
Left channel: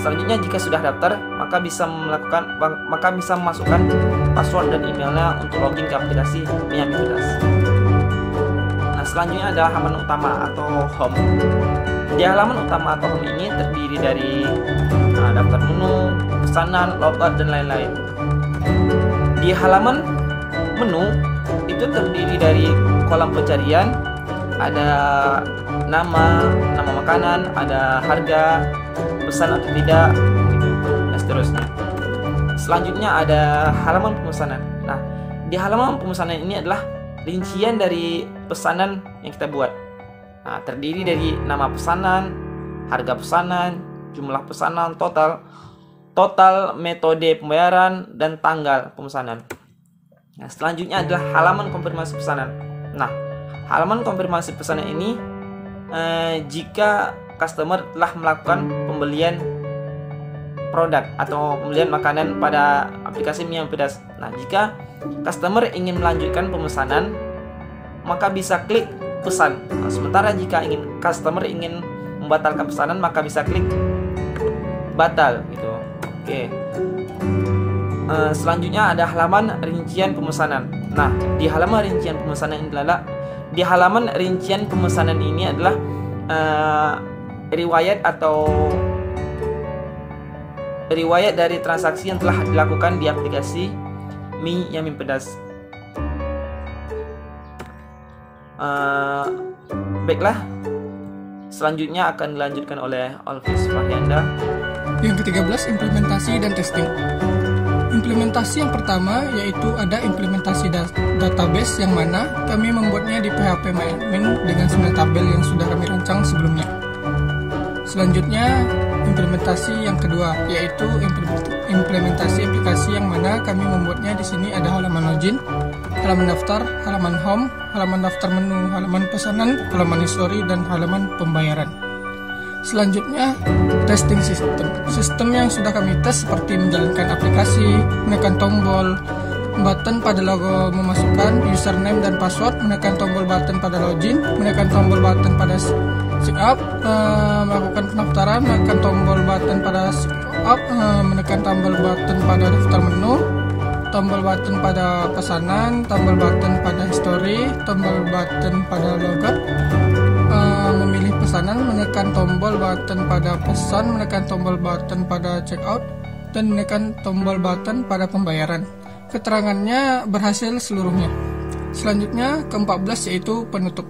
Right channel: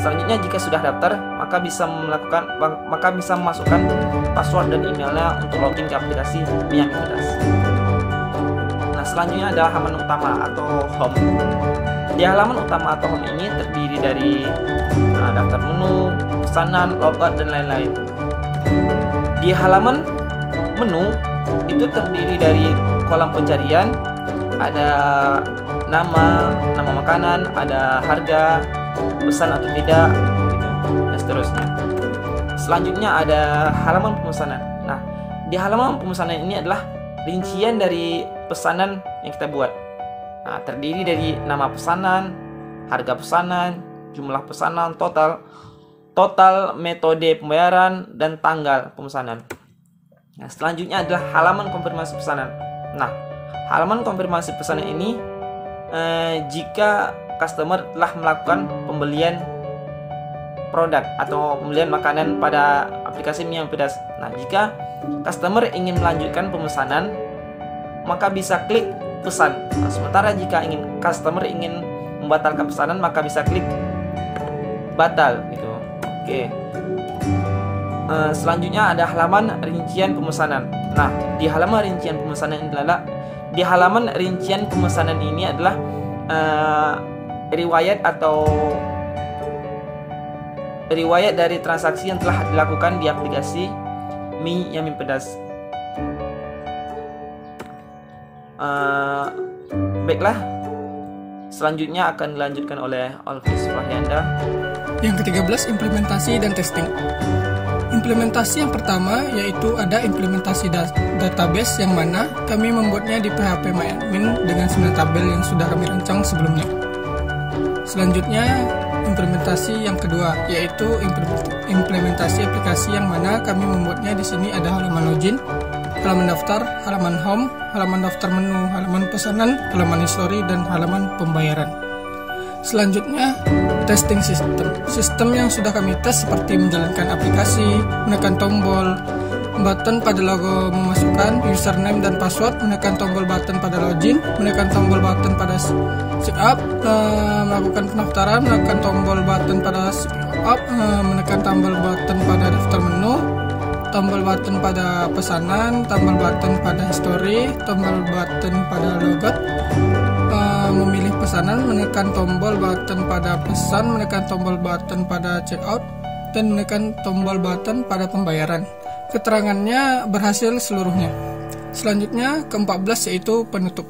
Selanjutnya, jika sudah daftar, maka bisa memasukkan password dan emailnya untuk login ke aplikasi Miami Pedas. Nah, selanjutnya adalah halaman utama atau home. Di halaman utama atau home ini terdiri dari daftar menu, pesanan, logout, dan lain-lain. Di halaman menu itu terdiri dari kolom pencarian, ada nama makanan, ada harga, pesan atau tidak, gitu, dan seterusnya. Selanjutnya ada halaman pemesanan. Nah, di halaman pemesanan ini adalah rincian dari pesanan yang kita buat. Nah, terdiri dari nama pesanan, harga pesanan, jumlah pesanan total, total, metode pembayaran, dan tanggal pemesanan. Nah, selanjutnya adalah halaman konfirmasi pesanan. Nah, halaman konfirmasi pesanan ini jika customer telah melakukan pembelian produk atau pembelian makanan pada aplikasi Mie Ayam Pedas. Nah, jika customer ingin melanjutkan pemesanan, maka bisa klik pesan. Nah, sementara jika customer ingin membatalkan pesanan, maka bisa klik batal gitu. Oke. Selanjutnya ada halaman rincian pemesanan. Nah, di halaman rincian pemesanan ini adalah riwayat dari transaksi yang telah dilakukan di aplikasi Mie Ayam Pedas. Baiklah, selanjutnya akan dilanjutkan oleh Alvis Fahyanda. Yang ke-13, implementasi dan testing. Implementasi yang pertama yaitu ada implementasi database yang mana kami membuatnya di PHP MyAdmin dengan 9 tabel yang sudah kami rancang sebelumnya. Selanjutnya, implementasi yang kedua yaitu implementasi aplikasi yang mana kami membuatnya di sini ada halaman login, halaman daftar, halaman home, halaman daftar menu, halaman pesanan, halaman history, dan halaman pembayaran. Selanjutnya, testing sistem yang sudah kami tes seperti menjalankan aplikasi, menekan tombol button pada logo memasukkan username dan password, menekan tombol button pada login, menekan tombol button pada sign up, melakukan pendaftaran, menekan tombol button pada sign up, menekan tombol button pada daftar menu, tombol button pada pesanan, tombol button pada history, tombol button pada logout, memilih pesanan, menekan tombol button pada pesan, menekan tombol button pada checkout, dan menekan tombol button pada pembayaran. Keterangannya berhasil seluruhnya. Selanjutnya, ke-14 yaitu penutup.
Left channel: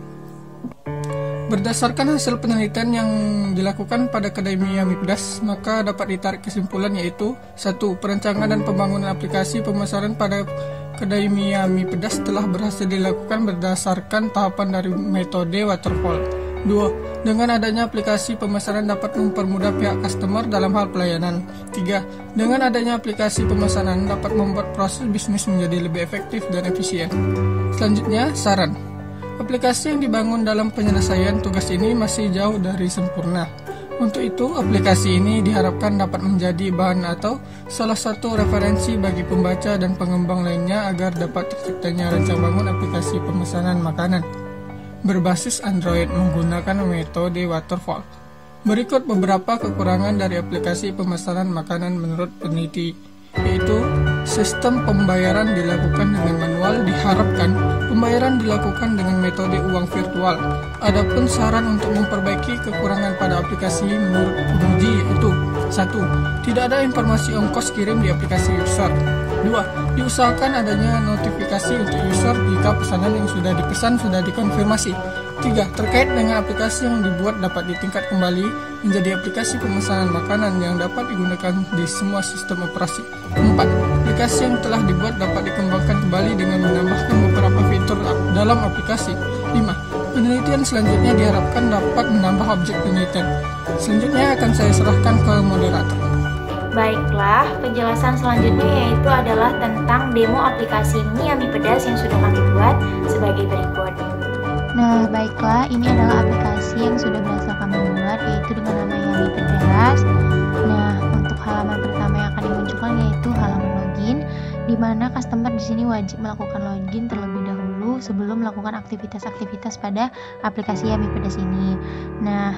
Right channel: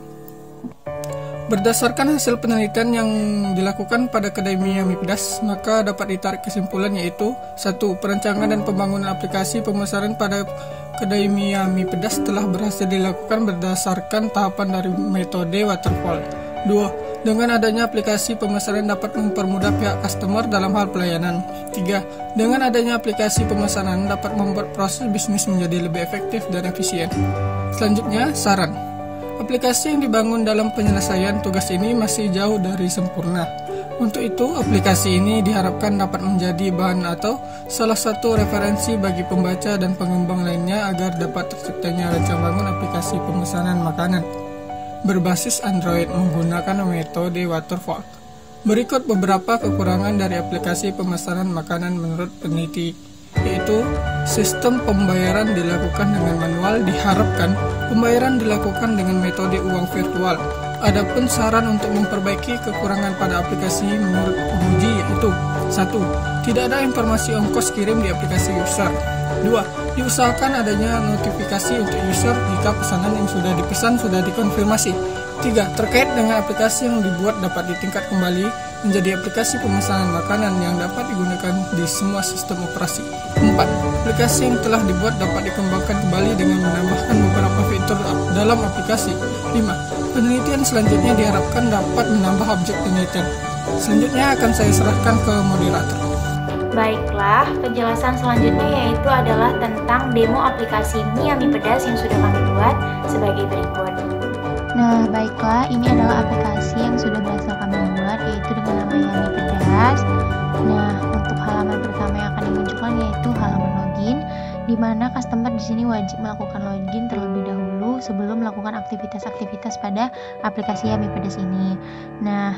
Berdasarkan hasil penelitian yang dilakukan pada kedai Mie Ayam Pedas, maka dapat ditarik kesimpulan yaitu 1. Perancangan dan pembangunan aplikasi pemesanan pada kedai Mie Ayam Pedas telah berhasil dilakukan berdasarkan tahapan dari metode waterfall. 2. Dengan adanya aplikasi pemesanan dapat mempermudah pihak customer dalam hal pelayanan. 3. Dengan adanya aplikasi pemesanan dapat membuat proses bisnis menjadi lebih efektif dan efisien. Selanjutnya, saran. Aplikasi yang dibangun dalam penyelesaian tugas ini masih jauh dari sempurna. Untuk itu, aplikasi ini diharapkan dapat menjadi bahan atau salah satu referensi bagi pembaca dan pengembang lainnya agar dapat terciptanya rancang bangun aplikasi pemesanan makanan berbasis Android menggunakan metode waterfall. Berikut beberapa kekurangan dari aplikasi pemesanan makanan menurut peneliti, yaitu sistem pembayaran dilakukan dengan manual, diharapkan pembayaran dilakukan dengan metode uang virtual. Adapun saran untuk memperbaiki kekurangan pada aplikasi menurut penguji yaitu 1. Tidak ada informasi ongkos kirim di aplikasi user. 2. Diusahakan adanya notifikasi untuk user jika pesanan yang sudah dipesan sudah dikonfirmasi. 3. Terkait dengan aplikasi yang dibuat dapat ditingkat kembali menjadi aplikasi pemesanan makanan yang dapat digunakan di semua sistem operasi. 4. Aplikasi yang telah dibuat dapat dikembangkan kembali dengan menambahkan beberapa fitur dalam aplikasi. 5. Penelitian selanjutnya diharapkan dapat menambah objek penelitian. Selanjutnya akan saya serahkan ke moderator. Baiklah, penjelasan selanjutnya yaitu adalah tentang demo aplikasi Mie Ayam Pedas yang sudah kami buat sebagai berikut. Nah, baiklah, ini adalah aplikasi yang sudah berhasil kami buat, yaitu dengan nama Yami Pedas. Nah, untuk halaman pertama yang akan dimunculkan yaitu halaman login, di mana customer di sini wajib melakukan login terlebih dahulu sebelum melakukan aktivitas-aktivitas pada aplikasi Yami Pedas ini. Nah,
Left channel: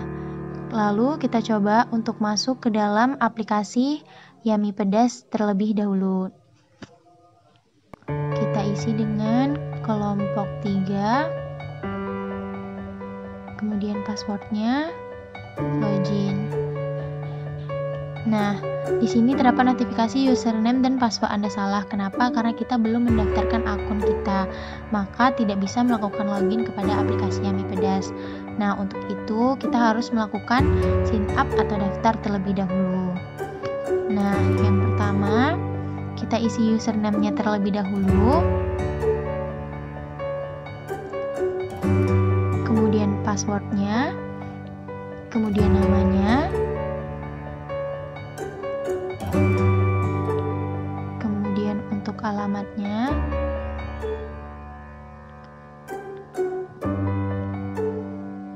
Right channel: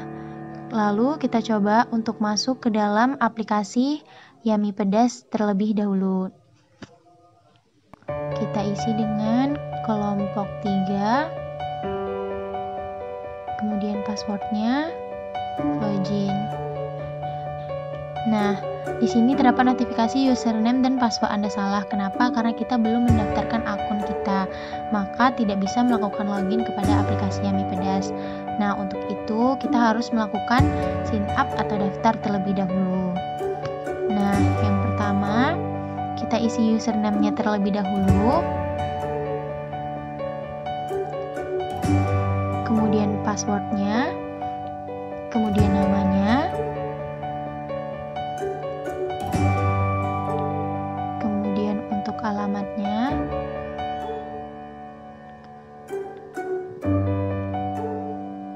lalu kita coba untuk masuk ke dalam aplikasi Yami Pedas terlebih dahulu. Kita isi dengan kelompok 3. Kemudian passwordnya, login. Nah, di sini terdapat notifikasi username dan password Anda salah. Kenapa? Karena kita belum mendaftarkan akun kita, maka tidak bisa melakukan login kepada aplikasi Yami Pedas. Nah, untuk itu kita harus melakukan sign up atau daftar terlebih dahulu. Nah, yang pertama kita isi username-nya terlebih dahulu. Kemudian passwordnya, kemudian namanya, alamatnya.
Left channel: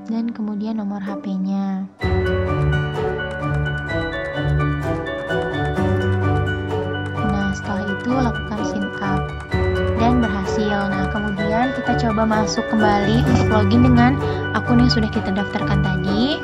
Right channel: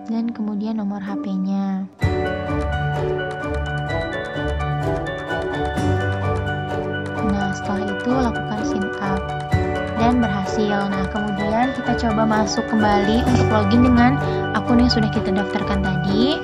Dan kemudian nomor HP-nya. Nah, setelah itu lakukan sign up dan berhasil. Nah, kemudian kita coba masuk kembali untuk login dengan akun yang sudah kita daftarkan tadi.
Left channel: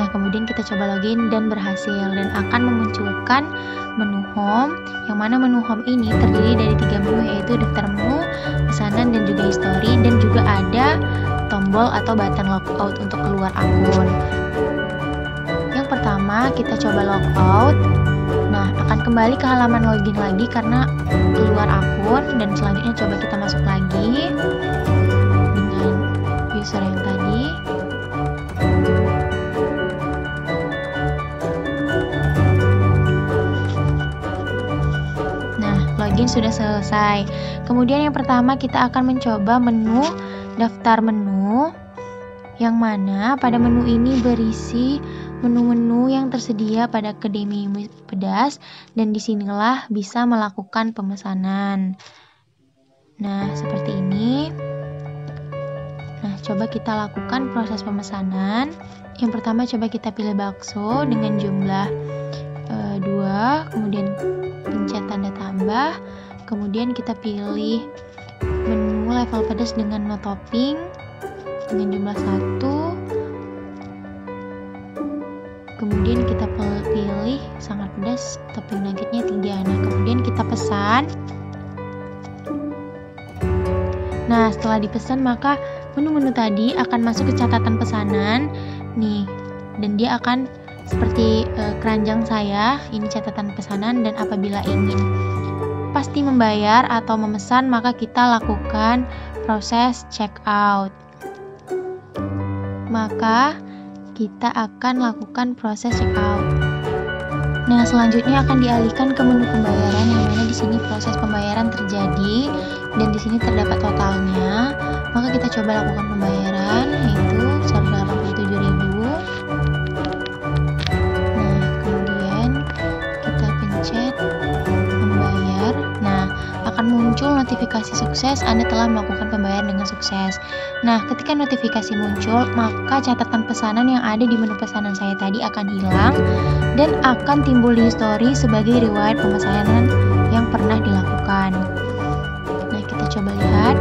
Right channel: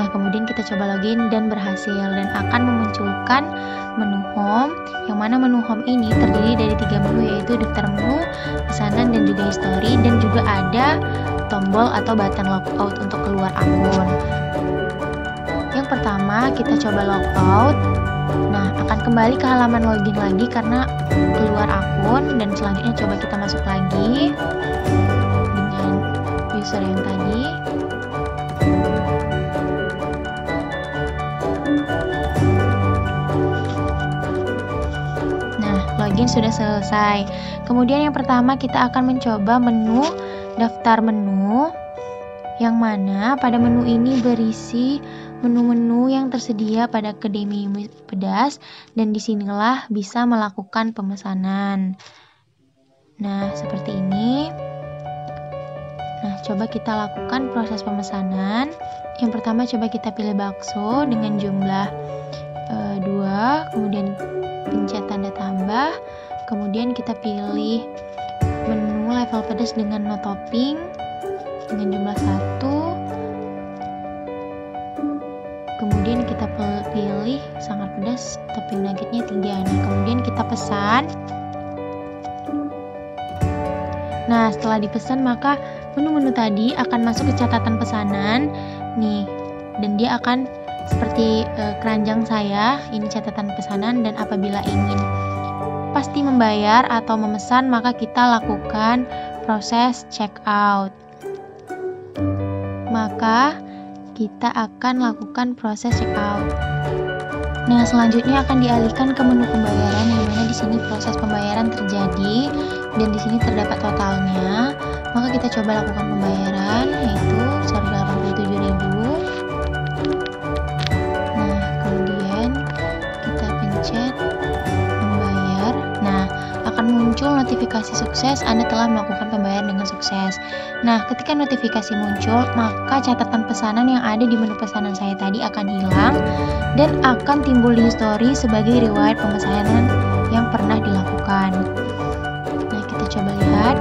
Nah, kemudian kita coba login dan berhasil, dan akan memunculkan menu home, yang mana menu home ini terdiri dari 3 menu, yaitu daftar menu, pesanan, dan juga history, dan juga ada tombol atau button logout untuk keluar akun. Yang pertama kita coba logout. Nah, akan kembali ke halaman login lagi karena keluar akun, dan selanjutnya coba kita masuk lagi dengan user yang tadi. Login sudah selesai. Kemudian yang pertama kita akan mencoba menu daftar menu, yang mana pada menu ini berisi menu-menu yang tersedia pada Akademi Yami Pedas, dan disinilah bisa melakukan pemesanan. Nah, seperti ini. Nah, coba kita lakukan proses pemesanan. Yang pertama coba kita pilih bakso dengan jumlah 2, kemudian pencet tanda tambah, kemudian kita pilih menu level pedas dengan no topping dengan jumlah 1, kemudian kita pilih sangat pedas topping nuggetnya 3. Nah, kemudian kita pesan. Nah, setelah dipesan maka menu-menu tadi akan masuk ke catatan pesanan nih, dan dia akan seperti keranjang saya, ini catatan pesanan, dan apabila ingin pasti membayar atau memesan maka kita lakukan proses check out. Maka kita akan lakukan proses check out. Nah, selanjutnya akan dialihkan ke menu pembayaran, yang mana di sini proses pembayaran terjadi dan di sini terdapat totalnya. Maka kita coba lakukan pembayaran, yaitu 187.000. Membayar. Nah, akan muncul notifikasi sukses, Anda telah melakukan pembayaran dengan sukses. Nah, ketika notifikasi muncul, maka catatan pesanan yang ada di menu pesanan saya tadi akan hilang dan akan timbul di history sebagai riwayat pemesanan yang pernah dilakukan. Nah, kita coba lihat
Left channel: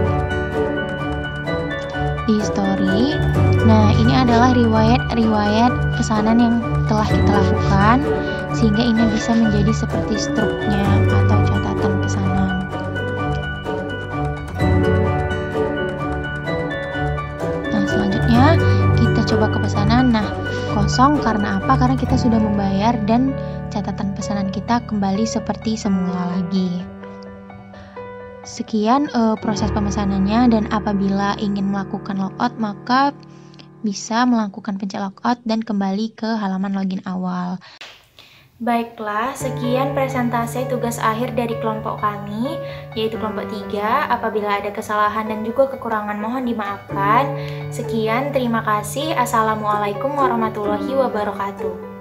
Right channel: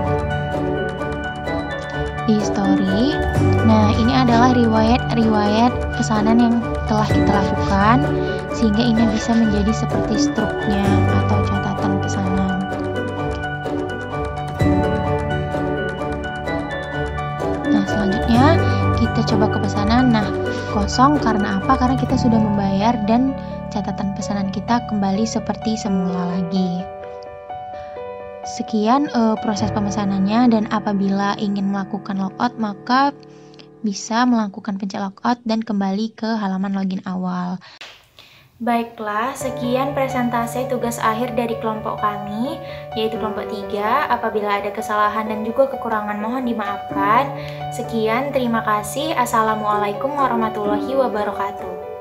di history. Nah, ini adalah riwayat pesanan yang telah kita lakukan, sehingga ini bisa menjadi seperti struknya atau catatan pesanan. Nah, selanjutnya kita coba ke pesanan. Nah, kosong karena apa? Karena kita sudah membayar dan catatan pesanan kita kembali seperti semula lagi. Sekian proses pemesanannya, dan apabila ingin melakukan logout maka bisa melakukan pencet logout dan kembali ke halaman login awal. Baiklah, sekian presentasi tugas akhir dari kelompok kami, yaitu kelompok 3. Apabila ada kesalahan dan juga kekurangan mohon dimaafkan. Sekian, terima kasih. Assalamualaikum warahmatullahi wabarakatuh.